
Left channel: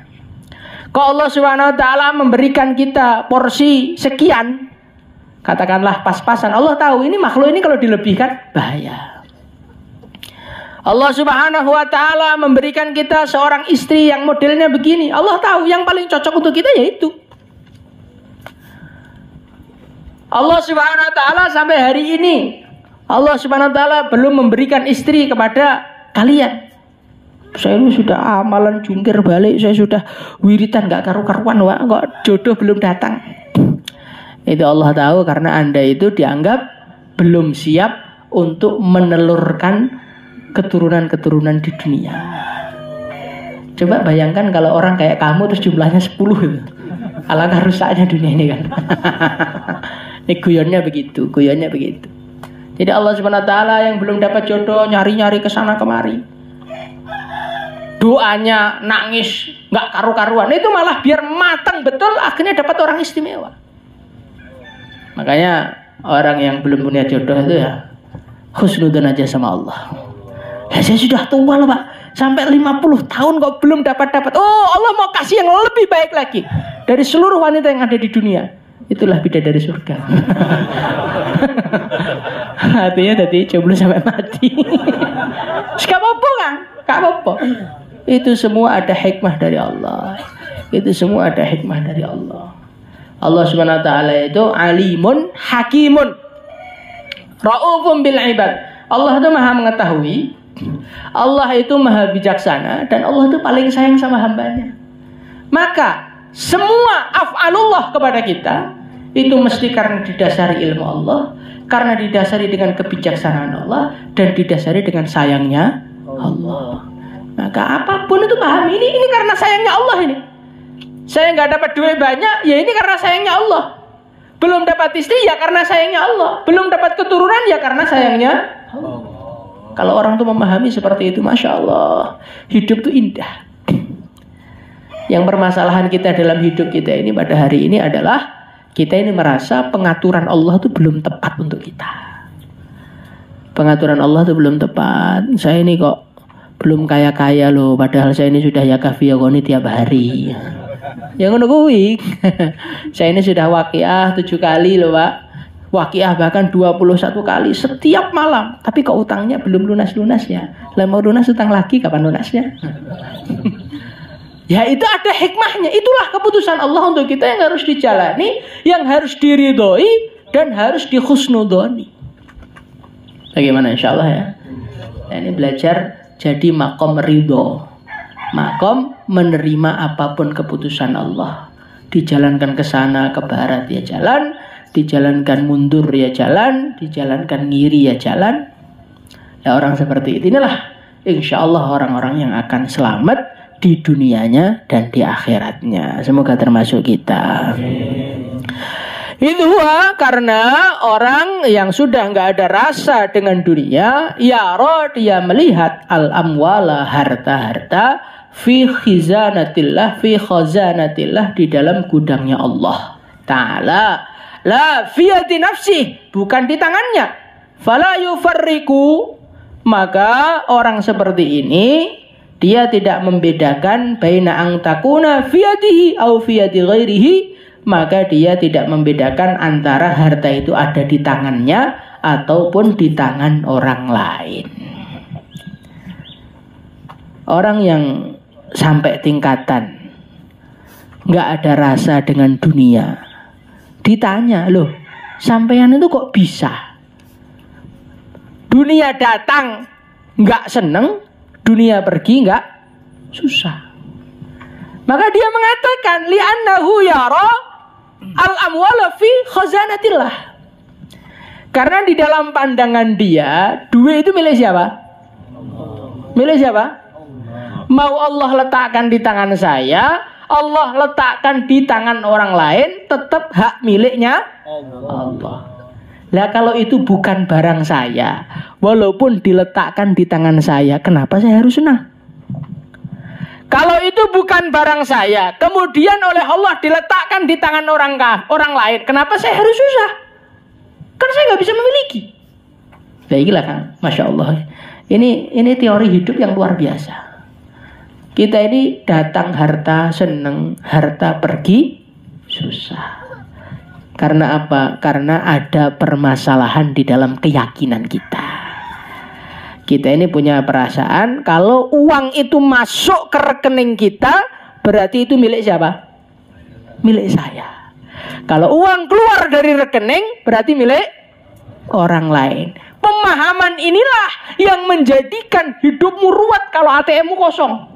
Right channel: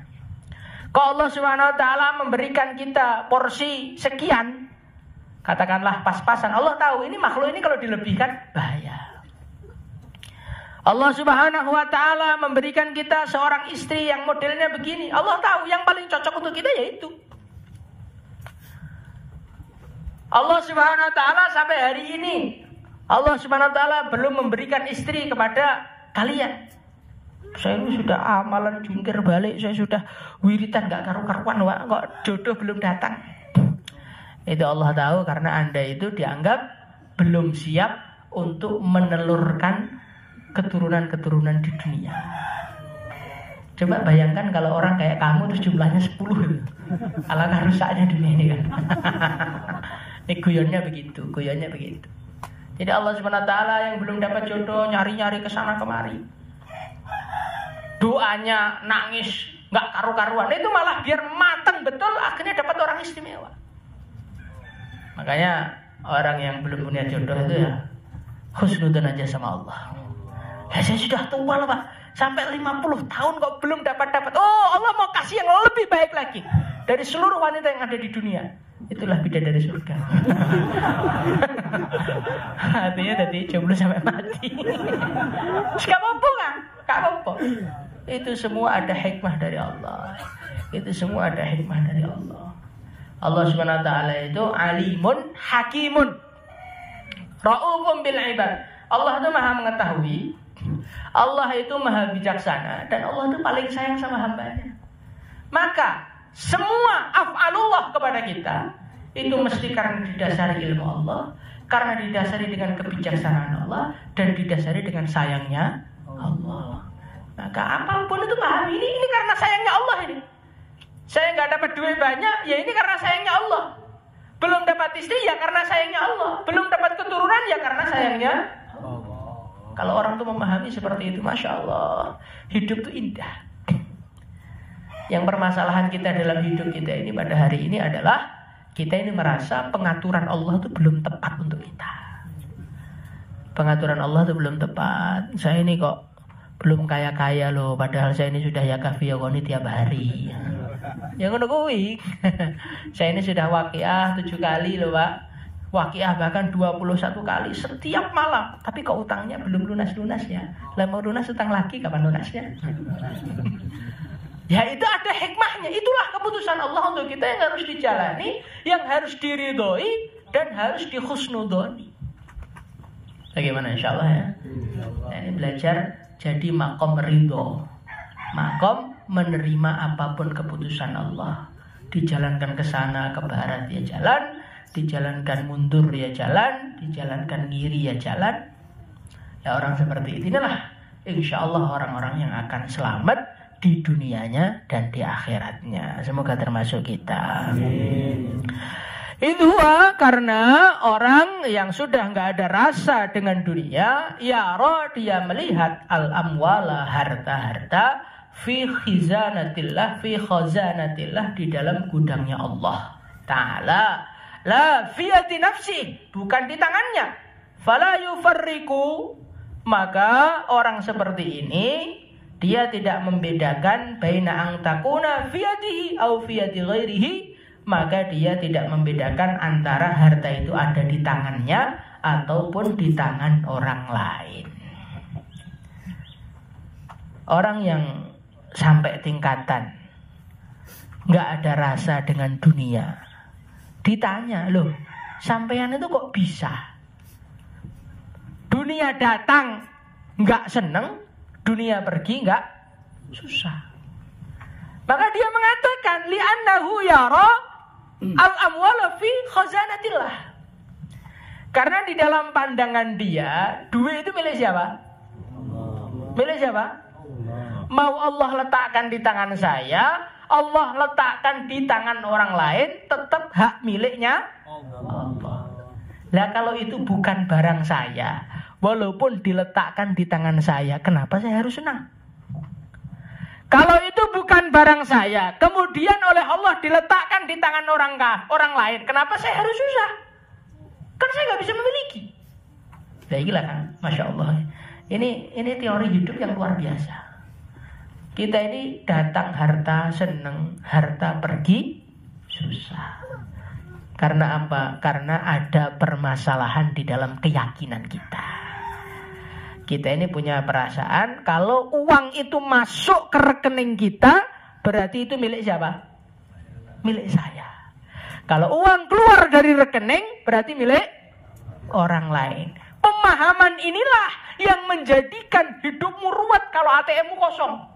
Kalau Allah Subhanahu wa ta'ala memberikan kita porsi sekian, katakanlah pas-pasan, Allah tahu ini makhluk ini kalau dilebihkan bahaya. Allah Subhanahu wa ta'ala memberikan kita seorang istri yang modelnya begini, Allah tahu yang paling cocok untuk kita yaitu. Allah Subhanahu wa ta'ala sampai hari ini Allah Subhanahu wa ta'ala belum memberikan istri kepada kalian. Saya ini sudah amalan jungkir balik, saya sudah wiritan gak karu-karuan, kok jodoh belum datang. Itu Allah tahu karena Anda itu dianggap belum siap untuk menelurkan keturunan-keturunan di dunia. Coba bayangkan kalau orang kayak kamu terus jumlahnya 10 itu. Alangkah rusaknya dunia ini kan. Ini guyonnya begitu. Jadi Allah Subhanahu wa ta'ala yang belum dapat jodoh nyari-nyari kesana kemari, doanya nangis gak karu-karuan, itu malah biar matang betul akhirnya dapat orang istimewa. Makanya orang yang belum punya jodoh itu ya husnudzon aja sama Allah. Ya, saya sudah tua loh Pak, sampai 50 tahun kok belum dapat. Oh, Allah mau kasih yang lebih baik lagi dari seluruh wanita yang ada di dunia. Itulah bidadari surga. Artinya tadi jomblo sampai mati. Gak apa-apa kan? Gak apa-apa. Itu semua ada hikmah dari Allah. Itu semua ada hikmah dari Allah. Allah Subhanahu wa taala itu alimun hakimun. Raufum bil ibad. Allah itu Maha mengetahui. Allah itu Maha bijaksana dan Allah itu paling sayang sama hambanya. Maka semua af'alullah kepada kita itu mesti karena didasari ilmu Allah, karena didasari dengan kebijaksanaan Allah, dan didasari dengan sayangnya Allah. Maka apapun itu paham ini karena sayangnya Allah ini. Saya nggak dapat duit banyak, ya ini karena sayangnya Allah. Belum dapat istri, ya karena sayangnya Allah. Belum dapat keturunan, ya karena sayangnya Allah. Kalau orang tuh memahami seperti itu, Masya Allah, hidup tuh indah. Yang permasalahan kita dalam hidup kita ini pada hari ini adalah kita ini merasa pengaturan Allah itu belum tepat untuk kita. Pengaturan Allah itu belum tepat. Saya ini kok belum kaya-kaya loh, padahal saya ini sudah yakaf yakoni tiap hari. Yang ngono kuwi. Saya ini sudah waqiah 7 kali loh Pak. Waqiah bahkan 21 kali setiap malam. Tapi kok utangnya belum lunas-lunas ya. Lah mau lunas utang lagi kapan lunasnya? Ya itu ada hikmahnya. Itulah keputusan Allah untuk kita yang harus dijalani, yang harus diridhoi, dan harus dihusnudoni. Bagaimana insya Allah ya? Nah, ini belajar jadi makom ridho. Makom menerima apapun keputusan Allah. Dijalankan ke sana, ke barat ya jalan. Dijalankan mundur ya jalan. Dijalankan ngiri ya jalan. Ya orang seperti itu inilah insya Allah orang-orang yang akan selamat di dunianya dan di akhiratnya. Semoga termasuk kita. Itu karena orang yang sudah nggak ada rasa dengan dunia, ya roh dia melihat al-amwala harta-harta fi khizanatillah di dalam gudangnya Allah Ta'ala. La fiyati nafsi, bukan di tangannya. Fala yufarriku, maka orang seperti ini dia tidak membedakan baina ang takuna fiyadihi au fiyadi ghairihi, maka dia tidak membedakan antara harta itu ada di tangannya ataupun di tangan orang lain. Orang yang sampai tingkatan nggak ada rasa dengan dunia, ditanya, loh sampean itu kok bisa? Dunia datang nggak seneng, dunia pergi nggak susah. Maka dia mengatakan li'annahu yara al-amwala fi khazanatillah. Karena di dalam pandangan dia, duit itu milik siapa? Milik siapa? Mau Allah letakkan di tangan saya, Allah letakkan di tangan orang lain, tetap hak miliknya Allah. Lah kalau itu bukan barang saya, walaupun diletakkan di tangan saya, kenapa saya harus senang? Kalau itu bukan barang saya, kemudian oleh Allah diletakkan di tangan orang lain, kenapa saya harus susah? Karena saya nggak bisa memiliki. Baiklah kan, Masya Allah. Ini teori hidup yang luar biasa. Kita ini datang harta seneng, harta pergi susah. Karena apa? Karena ada permasalahan di dalam keyakinan kita. Kita ini punya perasaan kalau uang itu masuk ke rekening kita, berarti itu milik siapa? Milik saya. Kalau uang keluar dari rekening, berarti milik orang lain. Pemahaman inilah yang menjadikan hidupmu ruwet kalau ATM-mu kosong.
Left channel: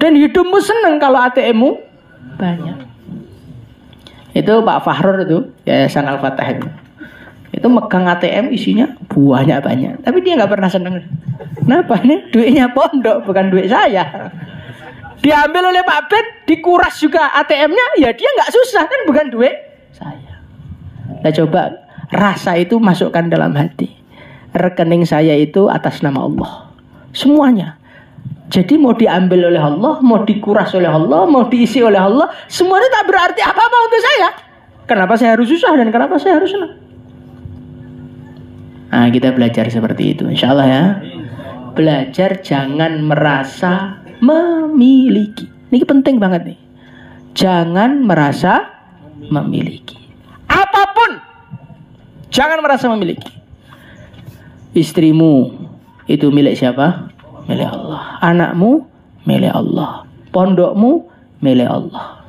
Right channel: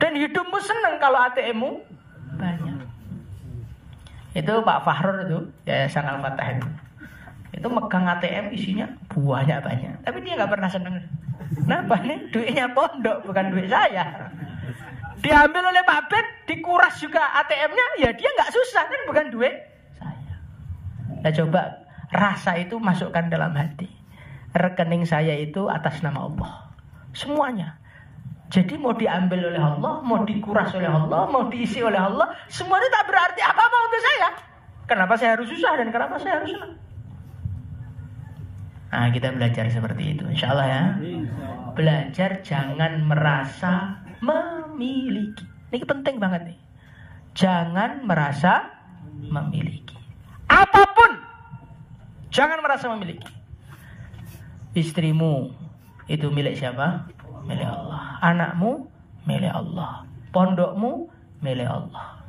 Dan hidupmu senang kalau ATM-mu banyak. Itu Pak Fahrur itu, Yayasan Al-Fatah itu megang ATM isinya banyak. Tapi dia nggak pernah senang. Kenapa? Ini duitnya pondok, bukan duit saya. Diambil oleh Pak Bet, dikuras juga ATM-nya, ya dia nggak susah kan, bukan duit saya. Nah coba rasa itu masukkan dalam hati. Rekening saya itu atas nama Allah, semuanya. Jadi mau diambil oleh Allah, mau dikuras oleh Allah, mau diisi oleh Allah, semuanya tak berarti apa-apa untuk saya. Kenapa saya harus susah dan kenapa saya harus senang? Nah Nah, kita belajar seperti itu, insya Allah ya. Belajar jangan merasa memiliki. Ini penting banget nih. Jangan merasa memiliki. Apapun, jangan merasa memiliki. Istrimu itu milik siapa? Milik Allah. Anakmu milik Allah. Pondokmu milik Allah.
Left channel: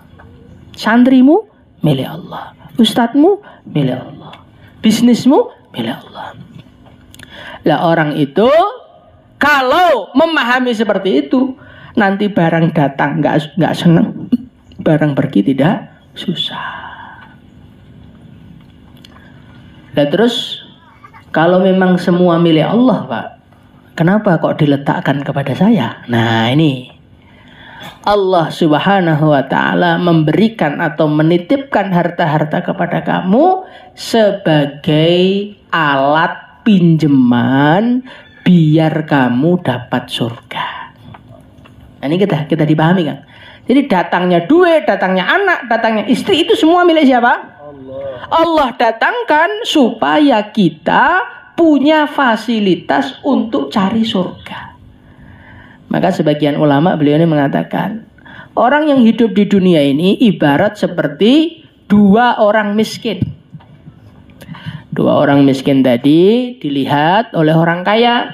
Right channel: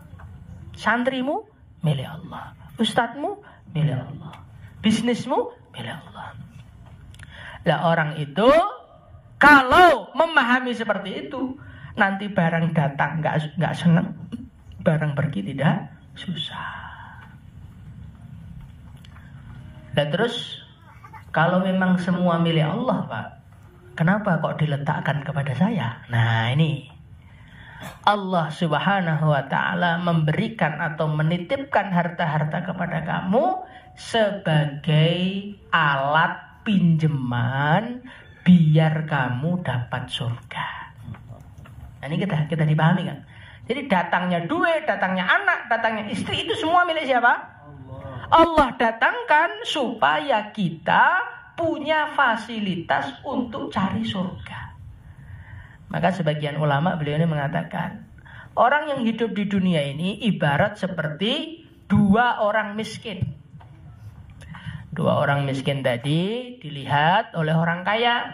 Santrimu milik Allah. Ustadzmu milik Allah. Bisnismu milik Allah. Lah orang itu kalau memahami seperti itu, nanti barang datang nggak senang, barang pergi tidak susah. Lah terus kalau memang semua milik Allah, Pak, kenapa kok diletakkan kepada saya? Nah ini Allah Subhanahu wa ta'ala memberikan atau menitipkan harta-harta kepada kamu sebagai alat pinjaman biar kamu dapat surga. Nah, ini kita dipahami kan? Jadi datangnya duit, datangnya anak, datangnya istri itu semua milik siapa? Allah datangkan supaya kita punya fasilitas untuk cari surga. Maka sebagian ulama beliau ini mengatakan, orang yang hidup di dunia ini ibarat seperti dua orang miskin. Dua orang miskin tadi dilihat oleh orang kaya.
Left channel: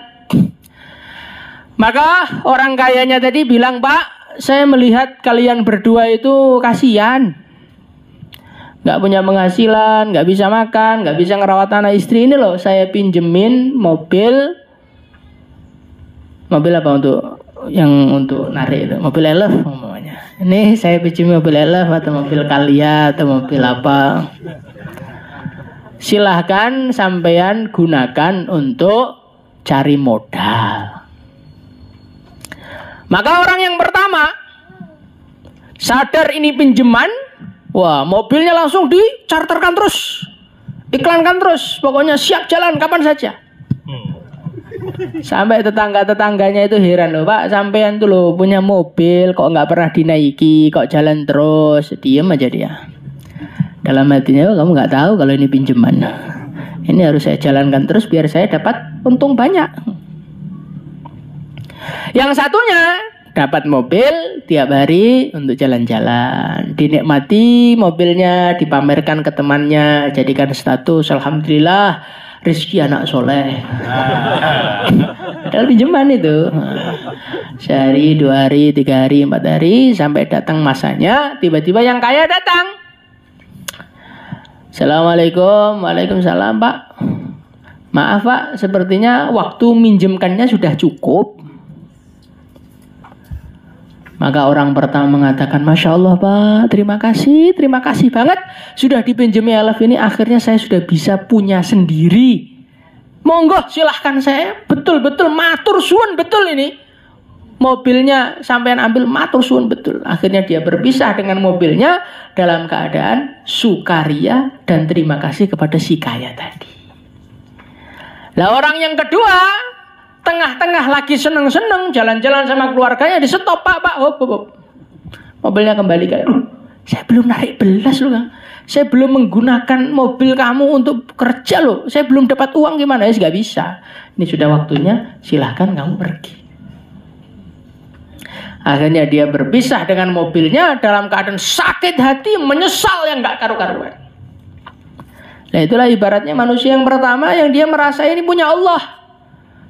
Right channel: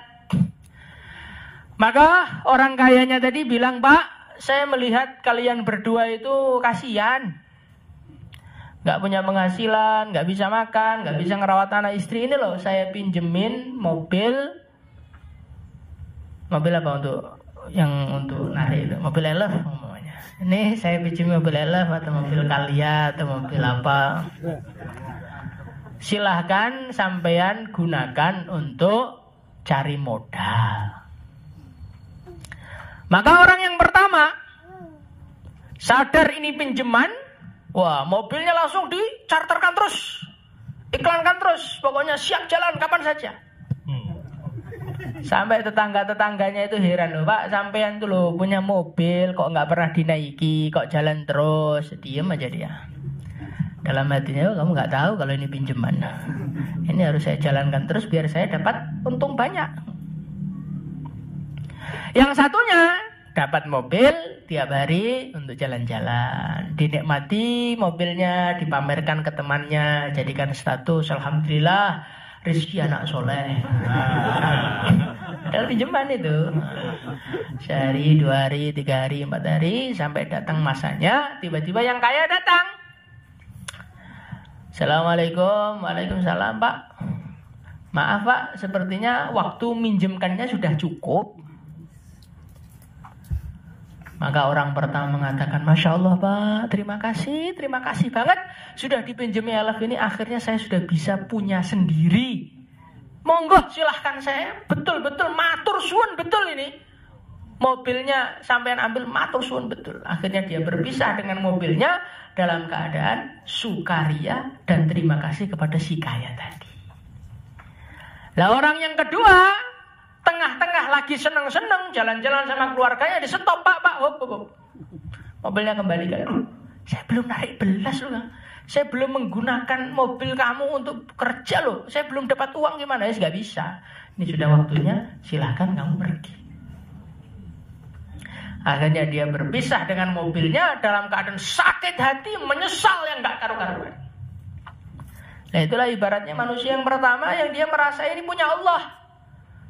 Maka orang kayanya tadi bilang, Pak, saya melihat kalian berdua itu kasihan. Gak punya penghasilan, gak bisa makan, gak bisa ngerawat anak istri. Ini loh saya pinjemin mobil. Mobil apa untuk narik itu? Mobil elf umpamanya. Ini saya pinjam mobil elf atau mobil Kalia atau mobil apa. Silahkan sampean gunakan untuk cari modal. Maka orang yang pertama sadar ini pinjaman, wah mobilnya langsung dicharterkan terus, iklankan terus, pokoknya siap jalan kapan saja. Sampai tetangga-tetangganya itu heran loh, Pak, sampean tuh loh punya mobil kok nggak pernah dinaiki, kok jalan terus. Diem aja dia. Dalam hatinya, kamu nggak tahu kalau ini pinjaman. Ini harus saya jalankan terus biar saya dapat untung banyak. Yang satunya dapat mobil tiap hari untuk jalan-jalan, dinikmati mobilnya, dipamerkan ke temannya, jadikan status, alhamdulillah rezeki anak soleh. Padahal pinjaman itu. Sehari, 2 hari, 3 hari, 4 hari, sampai datang masanya, tiba-tiba yang kaya datang. Assalamualaikum. Waalaikumsalam, Pak. Maaf, Pak, sepertinya waktu minjemkannya sudah cukup. Maka orang pertama mengatakan, Masya Allah, Pak, terima kasih banget. Sudah dipinjami elf ini, akhirnya saya sudah bisa punya sendiri. Monggo, silahkan saya. Betul-betul, matur suwun betul ini. Mobilnya sampean ambil, matur suwun betul. Akhirnya dia berpisah dengan mobilnya dalam keadaan sukaria dan terima kasih kepada si kaya tadi. Lah orang yang kedua, tengah-tengah lagi seneng-seneng jalan-jalan sama keluarganya, di stop, Pak. Hop. Mobilnya kembali kayak, saya belum narik belas loh, Kang. Saya belum menggunakan mobil kamu untuk kerja loh. Saya belum dapat uang, gimana ya? Gak bisa. Ini sudah waktunya, silahkan kamu pergi. Akhirnya dia berpisah dengan mobilnya dalam keadaan sakit hati, menyesal yang gak karu-karuan. Nah itulah ibaratnya manusia yang pertama yang dia merasa ini punya Allah.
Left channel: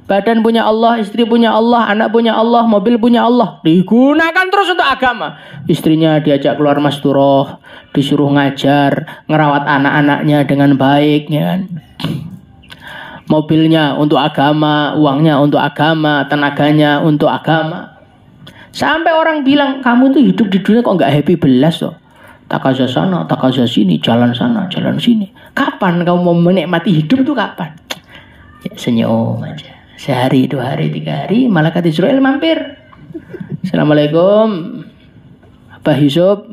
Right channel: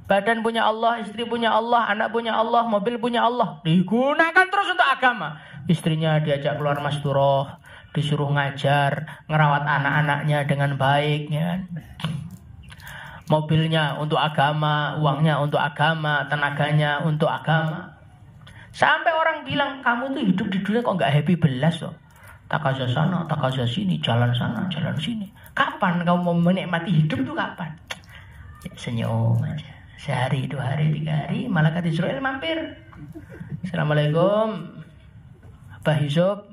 Badan punya Allah, istri punya Allah, anak punya Allah, mobil punya Allah. Digunakan terus untuk agama. Istrinya diajak keluar masturoh, disuruh ngajar, ngerawat anak-anaknya dengan baik, ya kan? Mobilnya untuk agama, uangnya untuk agama, tenaganya untuk agama. Sampai orang bilang, kamu tuh hidup di dunia kok nggak happy belas loh. Takaza sana, takaza sini, jalan sana, jalan sini. Kapan kamu mau menikmati hidup tuh kapan? Ya, senyum aja. Sehari, 2 hari, 3 hari, malaikat Israel mampir. Assalamualaikum, Pak Yusuf.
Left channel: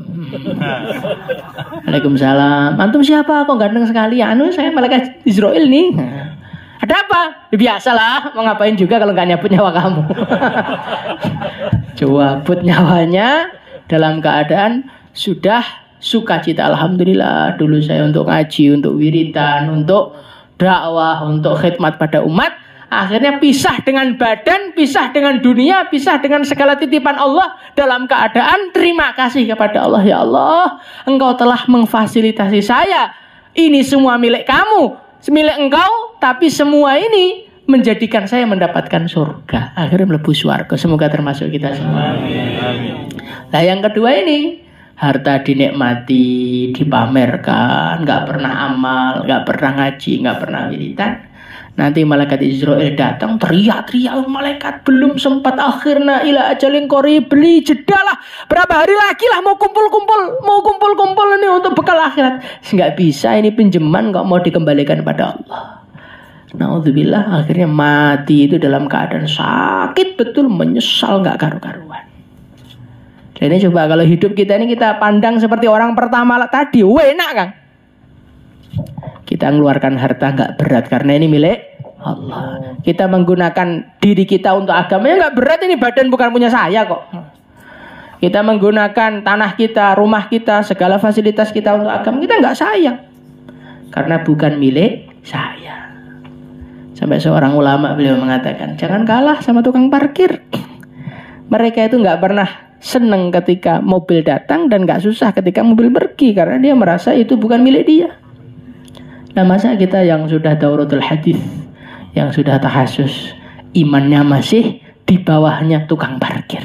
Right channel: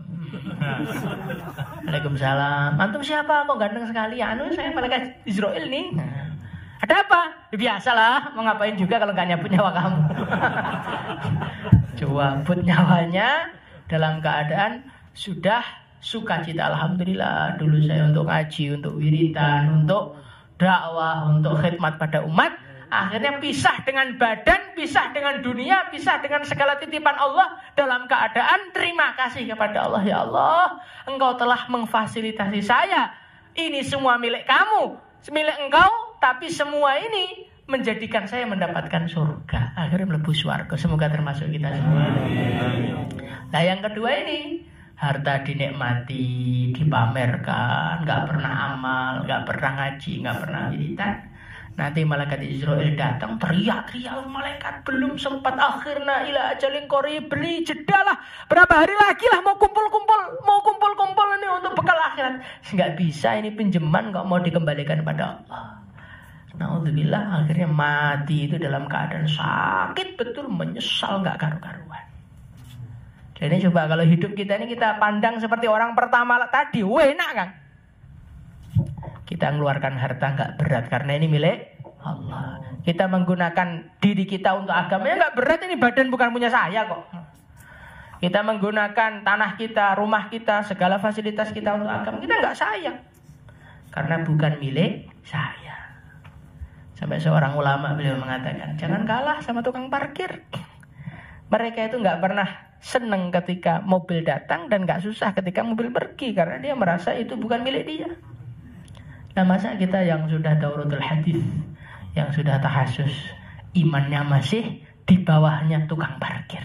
Waalaikumsalam. Antum siapa? Kok ganteng sekali? Anu, saya malaikat Israel nih. Ada apa? Biasalah, mau ngapain juga kalau nggak nyabut nyawa kamu. Cabut nyawanya dalam keadaan sudah sukacita. Alhamdulillah, dulu saya untuk ngaji, untuk wiridan, untuk dakwah, untuk khidmat pada umat, akhirnya pisah dengan badan, pisah dengan dunia, pisah dengan segala titipan Allah dalam keadaan terima kasih kepada Allah. Ya Allah, Engkau telah memfasilitasi saya. Ini semua milik kamu, milik Engkau, tapi semua ini menjadikan saya mendapatkan surga. Akhirnya mlebu surga. Semoga termasuk kita semua. Nah, yang kedua ini, harta dinikmati, dipamerkan, nggak pernah amal, nggak pernah ngaji, nggak pernah wiridan. Nanti malaikat Israel datang, teriak-teriak, malaikat belum sempat akhirna ila ajalin qarib, beli jedalah berapa hari lagi lah mau kumpul ini untuk bekal akhirat. Nggak bisa, ini pinjaman kok mau dikembalikan pada Allah. Naudzubillah, akhirnya mati itu dalam keadaan sakit betul, menyesal nggak karu-karuan. Dan ini coba kalau hidup kita ini kita pandang seperti orang pertama tadi, enak kan? Kita mengeluarkan harta nggak berat karena ini milik Allah. Kita menggunakan diri kita untuk agamanya nggak berat, ini badan bukan punya saya kok. Kita menggunakan tanah kita, rumah kita, segala fasilitas kita untuk agama kita nggak sayang karena bukan milik saya. Sampai seorang ulama beliau mengatakan, jangan kalah sama tukang parkir. Mereka itu nggak pernah senang ketika mobil datang dan nggak susah ketika mobil pergi karena dia merasa itu bukan milik dia. Nah, masa kita yang sudah dauratul hadis, yang sudah tahasus, imannya masih di bawahnya tukang parkir.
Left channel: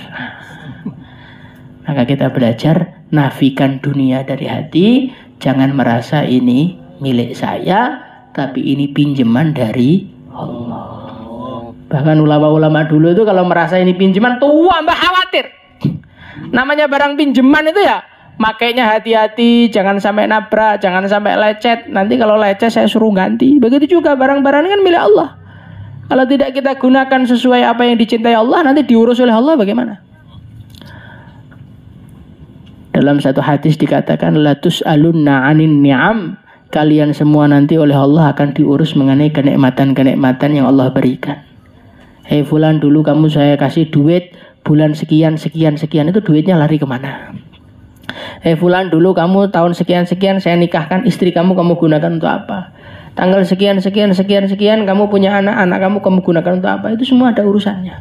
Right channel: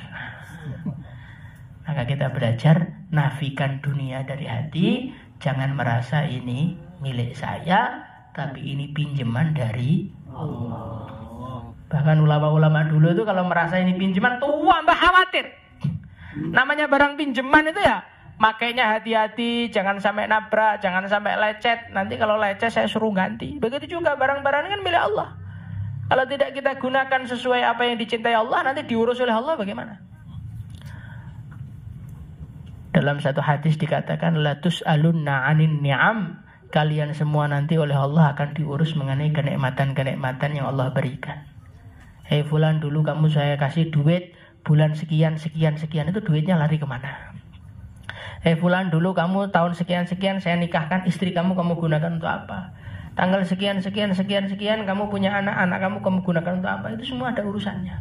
Maka kita belajar nafikan dunia dari hati, jangan merasa ini milik saya, tapi ini pinjaman dari Allah. Bahkan ulama-ulama dulu itu kalau merasa ini pinjaman, tua mbak khawatir. Namanya barang pinjaman itu ya, makainya hati-hati, jangan sampai nabrak, jangan sampai lecet. Nanti kalau lecet saya suruh ganti. Begitu juga barang-barang ini kan milik Allah. Kalau tidak kita gunakan sesuai apa yang dicintai Allah, nanti diurus oleh Allah bagaimana? Dalam satu hadis dikatakan, la tus'alunna 'anin ni'am. Kalian semua nanti oleh Allah akan diurus mengenai kenikmatan-kenikmatan yang Allah berikan. Hei fulan, dulu kamu saya kasih duit bulan sekian, itu duitnya lari kemana? Hei fulan, dulu kamu tahun sekian saya nikahkan istri kamu gunakan untuk apa? Tanggal sekian kamu punya anak kamu gunakan untuk apa? Itu semua ada urusannya.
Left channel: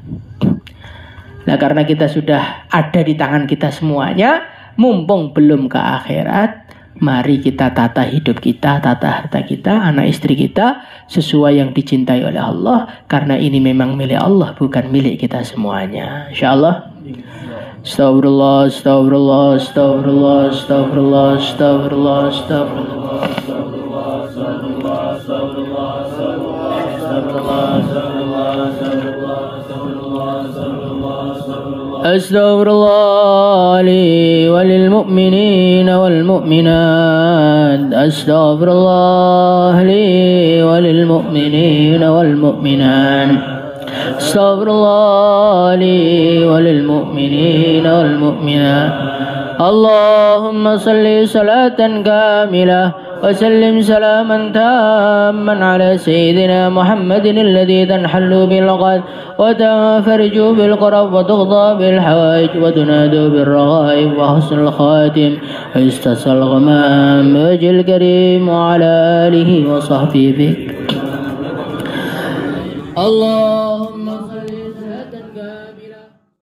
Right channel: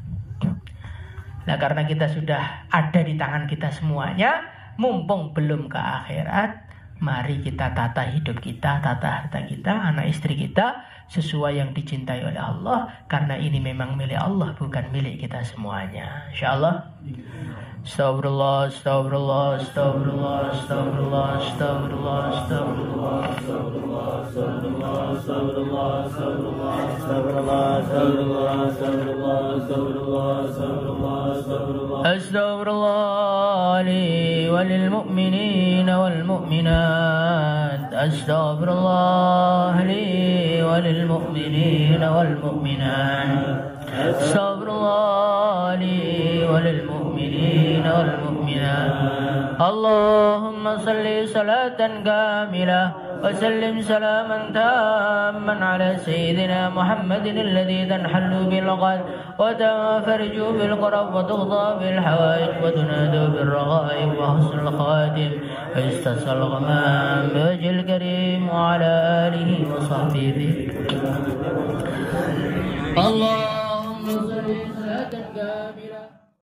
Nah, karena kita sudah ada di tangan kita semuanya, mumpung belum ke akhirat, mari kita tata hidup kita, tata harta kita, anak istri kita sesuai yang dicintai oleh Allah, karena ini memang milik Allah, bukan milik kita semuanya. Insyaallah. Astagfirullah, astagfirullah, astagfirullah, astagfirullah, astagfirullah, astagfirullah, astagfirullah, astagfirullah, astagfirullah, astagfirullah, astagfirullah li walil mu'minin wal mu'minat, astagfirullah li walil mu'minin wal mu'minat, astagfirullah li walil mu'minin wal mu'minat. Allahumma salli salatan kamilah وسلم سلاما تاما على سيدنا محمد الذي تنحل بالعقد وتنفرج بالقرب وتغضى بالحوائج وتناد بالرغائب وحسن الخاتم ويستسقى الغمام بوجه الكريم وعلى آله وصحبه بك